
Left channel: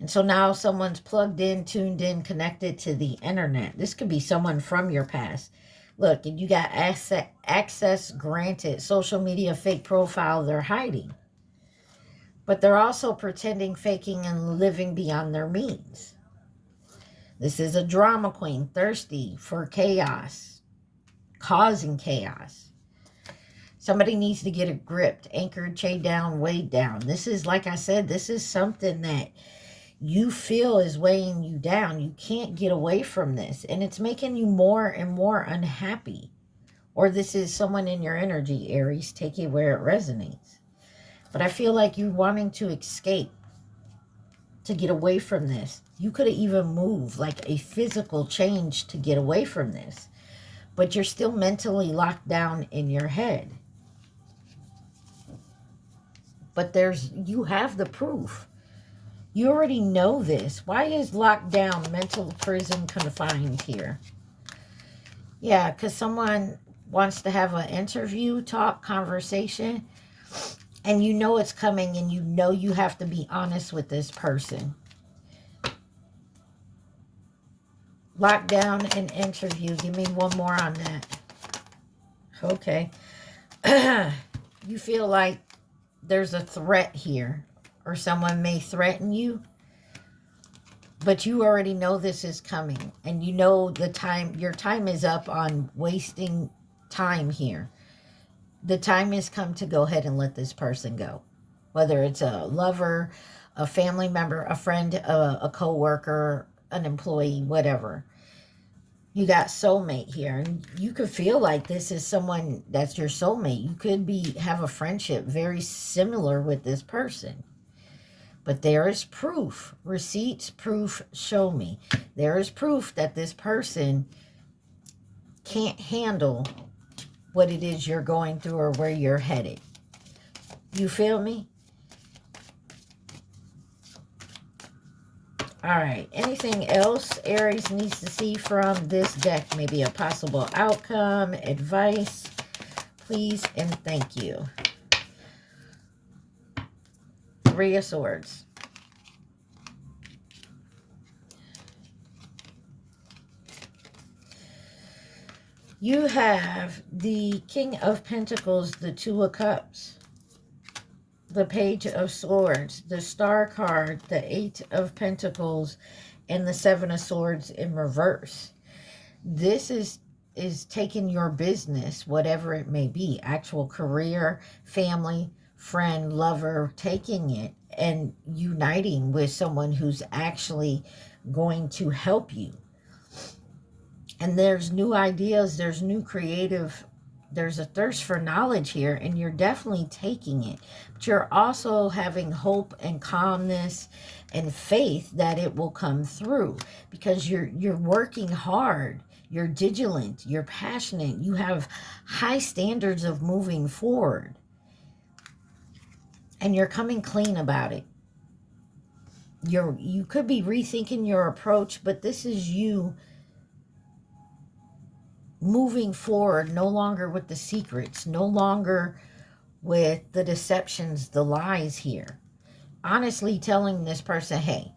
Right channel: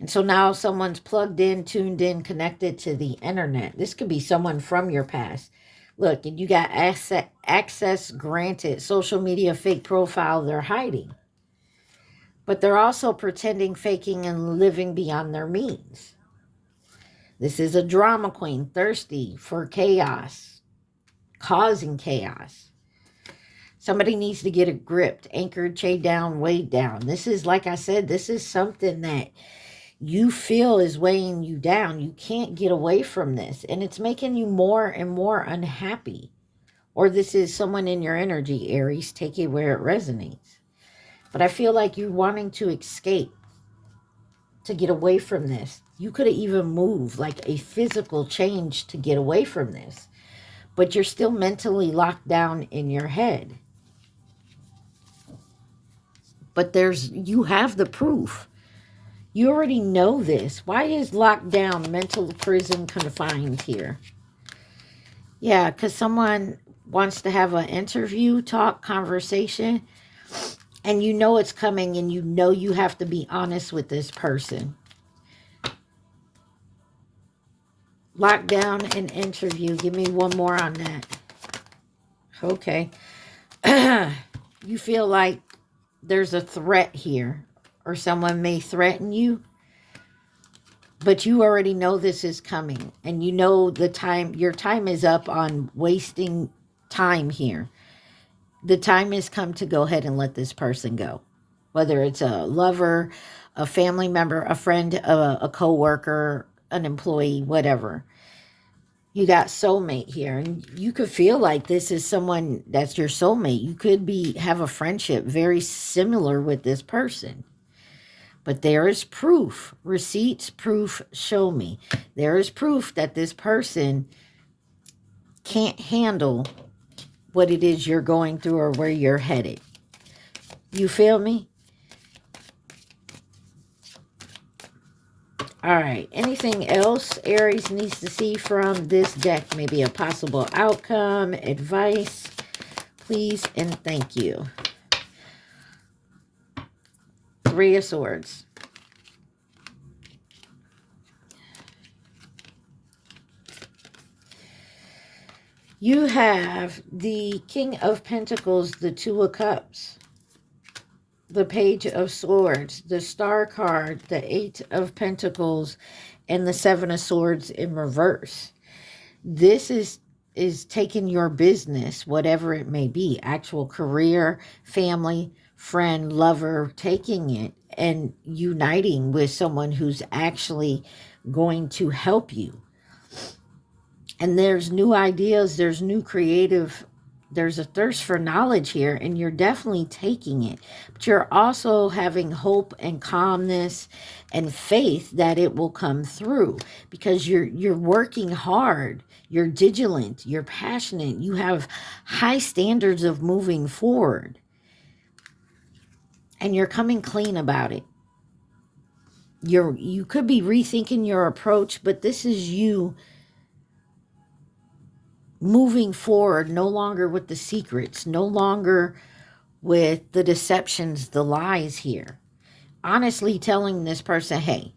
And so now someone's plugged in, tuned in, connected to the internet. This could be someone from your past. Look, and you got access granted, social media fake profile they're hiding. But they're also pretending, faking, and living beyond their means. This is a drama queen, thirsty for chaos, causing chaos. Somebody needs to get it gripped, anchored, chained down, weighed down. This is, like I said, this is something that you feel is weighing you down. You can't get away from this. And it's making you more and more unhappy. Or this is someone in your energy, Aries. Take it where it resonates. But I feel like you're wanting to escape, to get away from this. You could have even moved, like a physical change to get away from this. But you're still mentally locked down in your head. But you have the proof. You already know this. Why is locked down, mental prison, confined here? Yeah, because someone wants to have an interview, talk, conversation, and you know it's coming, and you know you have to be honest with this person. Locked down and interview. Give me one more on that. Okay. You feel like there's a threat here, or someone may threaten you, but you already know this is coming, and you know your time is up on wasting time here. The time has come to go ahead and let this person go. Whether it's a lover, a family member, a friend, a co-worker, an employee, whatever. You got soulmate here, and you could feel like this is someone that's your soulmate. You could have a friendship very similar with this person. But there is proof, receipts, proof, show me. There is proof that this person can't handle what it is you're going through or where you're headed. You feel me? All right. Anything else Aries needs to see from this deck? Maybe a possible outcome, advice, please, and thank you. Three of Swords. You have the King of Pentacles, the Two of Cups, the Page of Swords, the Star card, the Eight of Pentacles, and the Seven of Swords in reverse. This is taking your business, whatever it may be, actual career, family, friend, lover, taking it and uniting with someone who's actually going to help you. And there's new ideas, there's new creative, there's a thirst for knowledge here, and you're definitely taking it. But you're also having hope and calmness and faith that it will come through, because you're working hard, you're vigilant, you're passionate, you have high standards of moving forward, and you're coming clean about it. You could be rethinking your approach, but this is you moving forward, no longer with the secrets, no longer with the deceptions, the lies here. Honestly telling this person, hey,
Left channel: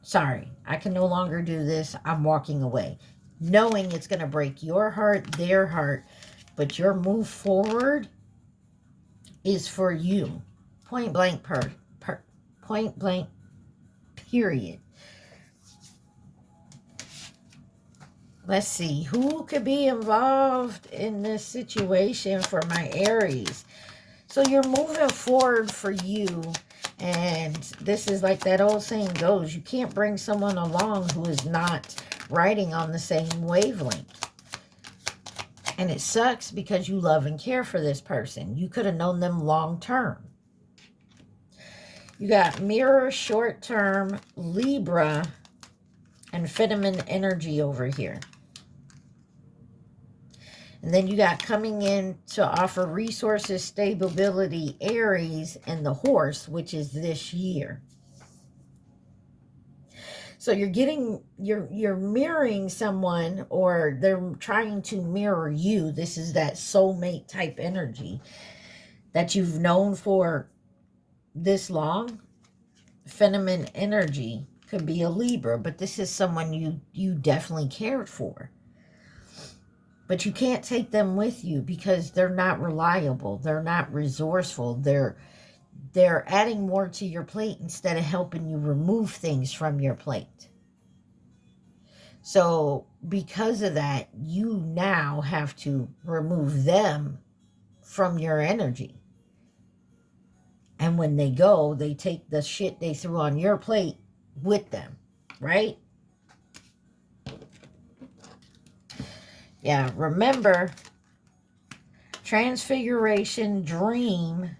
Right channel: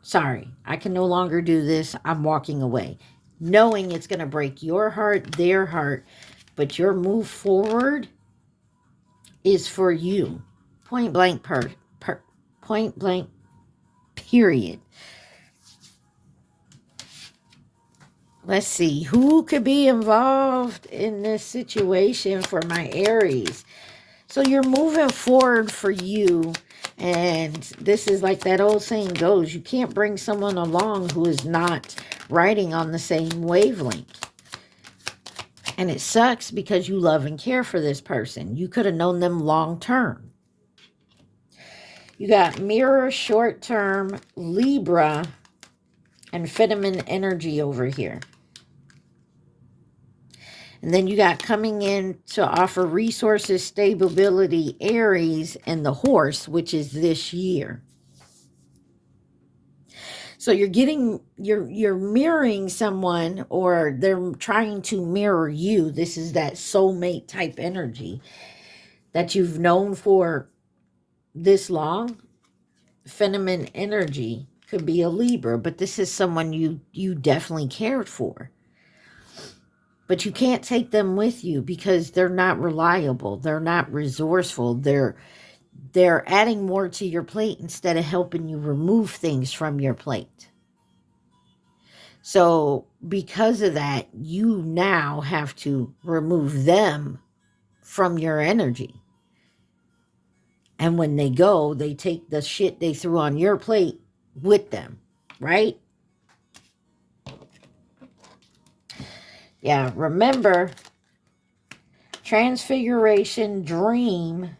sorry, I can no longer do this. I'm walking away. Knowing it's going to break your heart, their heart, but your move forward is for you. Point blank, point blank, period. Let's see, who could be involved in this situation for my Aries? So you're moving forward for you, and this is like that old saying goes, you can't bring someone along who is not riding on the same wavelength. And it sucks because you love and care for this person. You could have known them long term. You got Mirror, short term, Libra, and feminine energy over here. And then you got coming in to offer resources, stability, Aries, and the Horse, which is this year. So you're mirroring someone, or they're trying to mirror you. This is that soulmate type energy that you've known for this long. Feminine energy could be a Libra, but this is someone you definitely cared for. But you can't take them with you because they're not reliable. They're not resourceful. They're adding more to your plate instead of helping you remove things from your plate. So because of that, you now have to remove them from your energy. And when they go, they take the shit they threw on your plate with them, right? Yeah, remember, transfiguration, dream,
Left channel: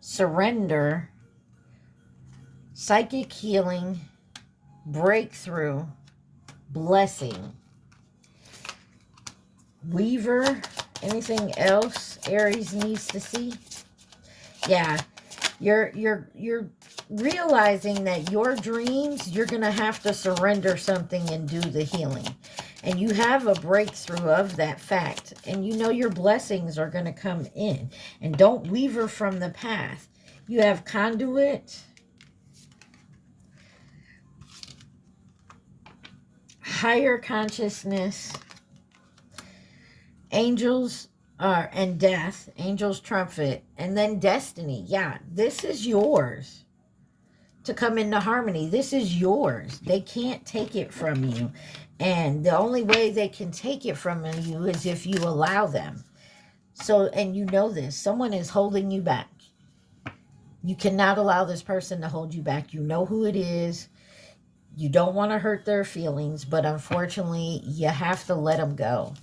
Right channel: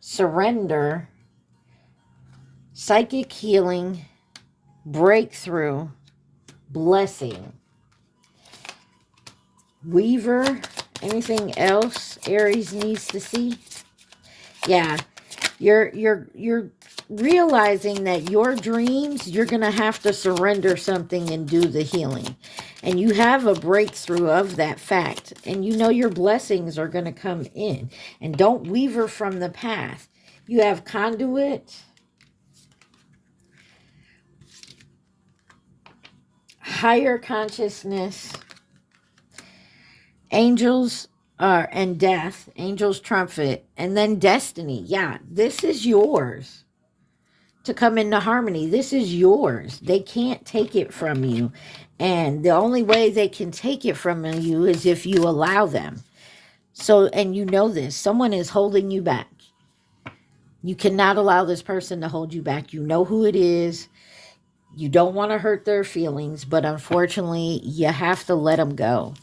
surrender, psychic healing, breakthrough, blessing. Weaver, anything else Aries needs to see? Yeah, you're realizing that your dreams, you're going to have to surrender something and do the healing. And you have a breakthrough of that fact. And you know your blessings are going to come in. And don't waver from the path. You have conduit, higher consciousness, angels, And death, angel's trumpet, and then destiny. Yeah, this is yours to come into harmony. This is yours. They can't take it from you. And the only way they can take it from you is if you allow them. So, and you know this, someone is holding you back. You cannot allow this person to hold you back. You know who it is. You don't want to hurt their feelings, but unfortunately, you have to let them go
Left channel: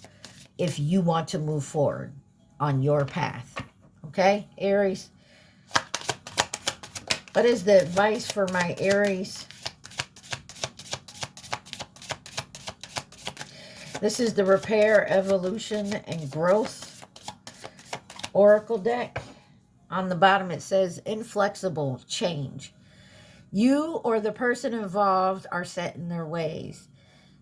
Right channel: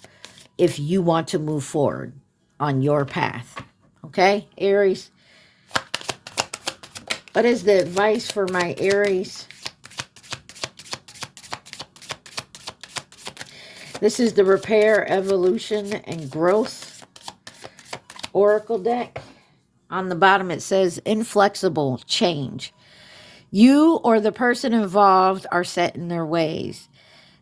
if you want to move forward on your path. Okay, Aries? What is the advice for my Aries? This is the Repair, Evolution, and Growth Oracle deck. On the bottom, it says inflexible change. You or the person involved are set in their ways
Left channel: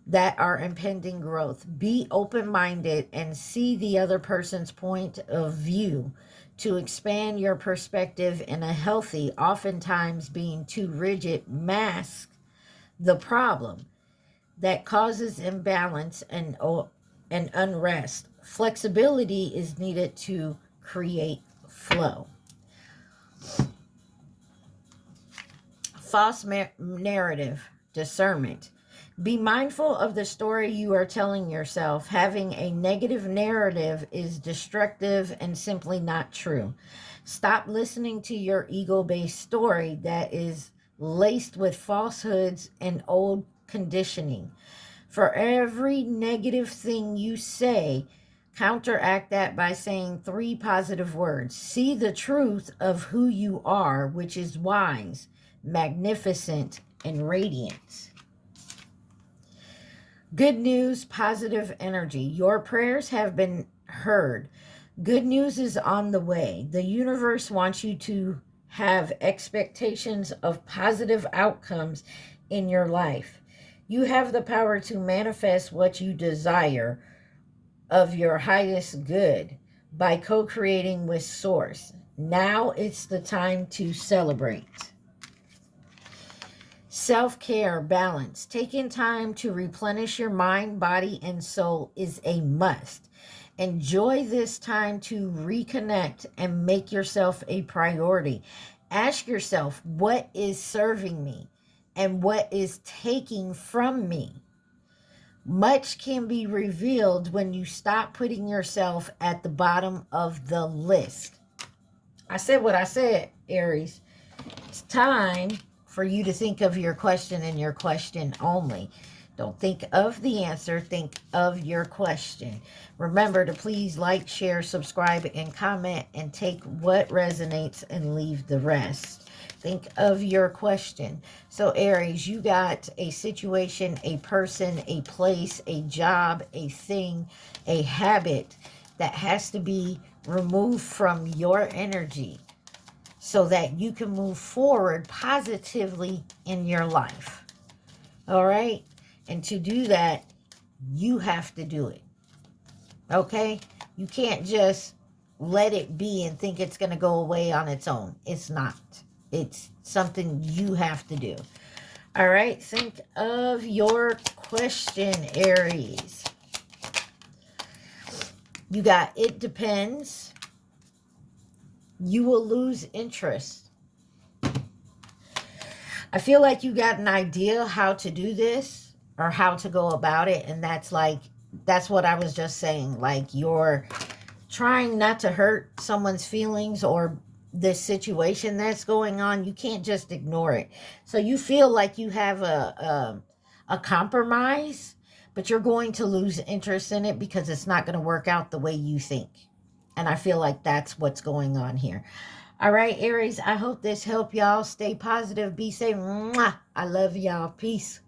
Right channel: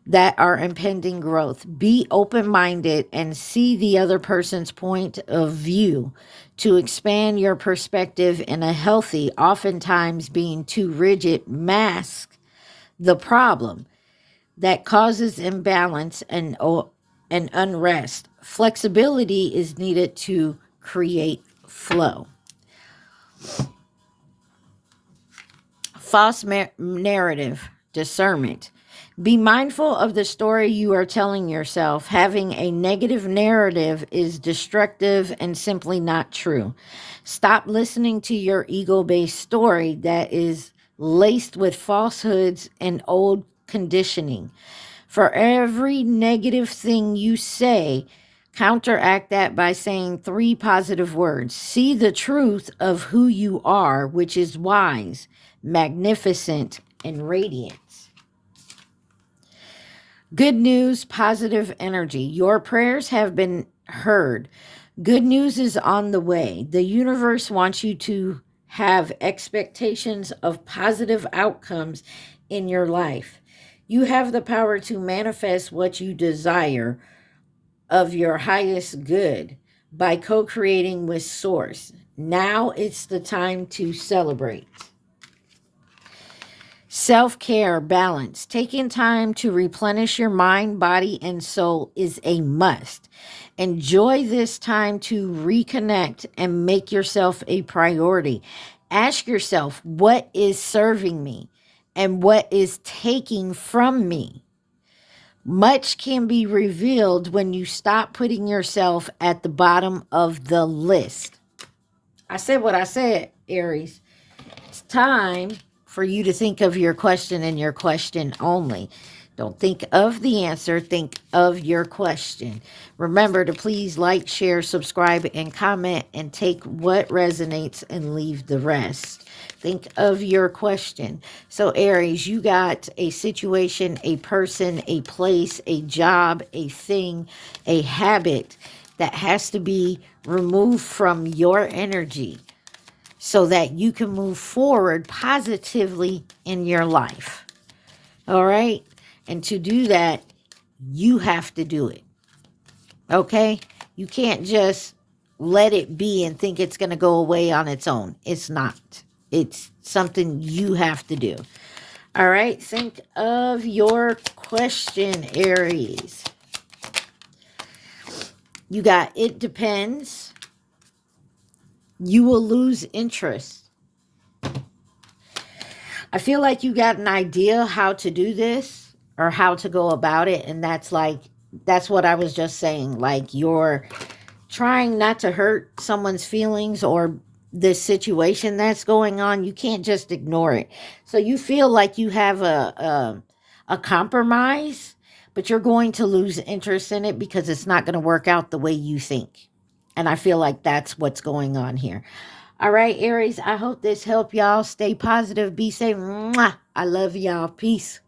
that are impending growth. Be open-minded and see the other person's point of view to expand your perspective in a healthy, oftentimes being too rigid, mask the problem that causes imbalance and unrest. Flexibility is needed to create flow. False narrative, discernment. Be mindful of the story you are telling yourself. Having a negative narrative is destructive and simply not true. Stop listening to your ego-based story that is laced with falsehoods and old conditioning. For every negative thing you say, counteract that by saying 3 positive words. See the truth of who you are, which is wise, magnificent, and radiant. Good news, positive energy. Your prayers have been heard. Good news is on the way. The universe wants you to have expectations of positive outcomes in your life. You have the power to manifest what you desire of your highest good by co-creating with Source. Now it's the time to celebrate. Self-care, balance. Taking time to replenish your mind, body, and soul is a must. Enjoy this time to reconnect and make yourself a priority. Ask yourself, what is serving me and what is taking from me? Much can be revealed when you stop putting yourself at the bottom of the list. I said what I said, Aries. It's time for you to think of your question and your question only. Don't think of the answer, think of your question. Remember to please like, share, subscribe, and comment, and take what resonates and leave the rest. Think of your question. So Aries, you got a situation, a person, a place, a job, a thing, a habit that has to be removed from your energy, so that you can move forward positively in your life. All right? And to do that, you have to do it. Okay? You can't just let it be and think it's going to go away on its own. It's not. It's something you have to do. All right? Think of your question, Aries. You got it depends. You will lose interest. I feel like you got an idea how to do this or how to go about it. And that's what I was just saying. Like, you're trying not to hurt someone's feelings or this situation that's going on. You can't just ignore it. So you feel like you have a compromise, but you're going to lose interest in it because it's not going to work out the way you think. And I feel like that's what's going on here. All right, Aries, I hope this helped y'all. Stay positive. Be safe. Mwah. I love y'all. Peace.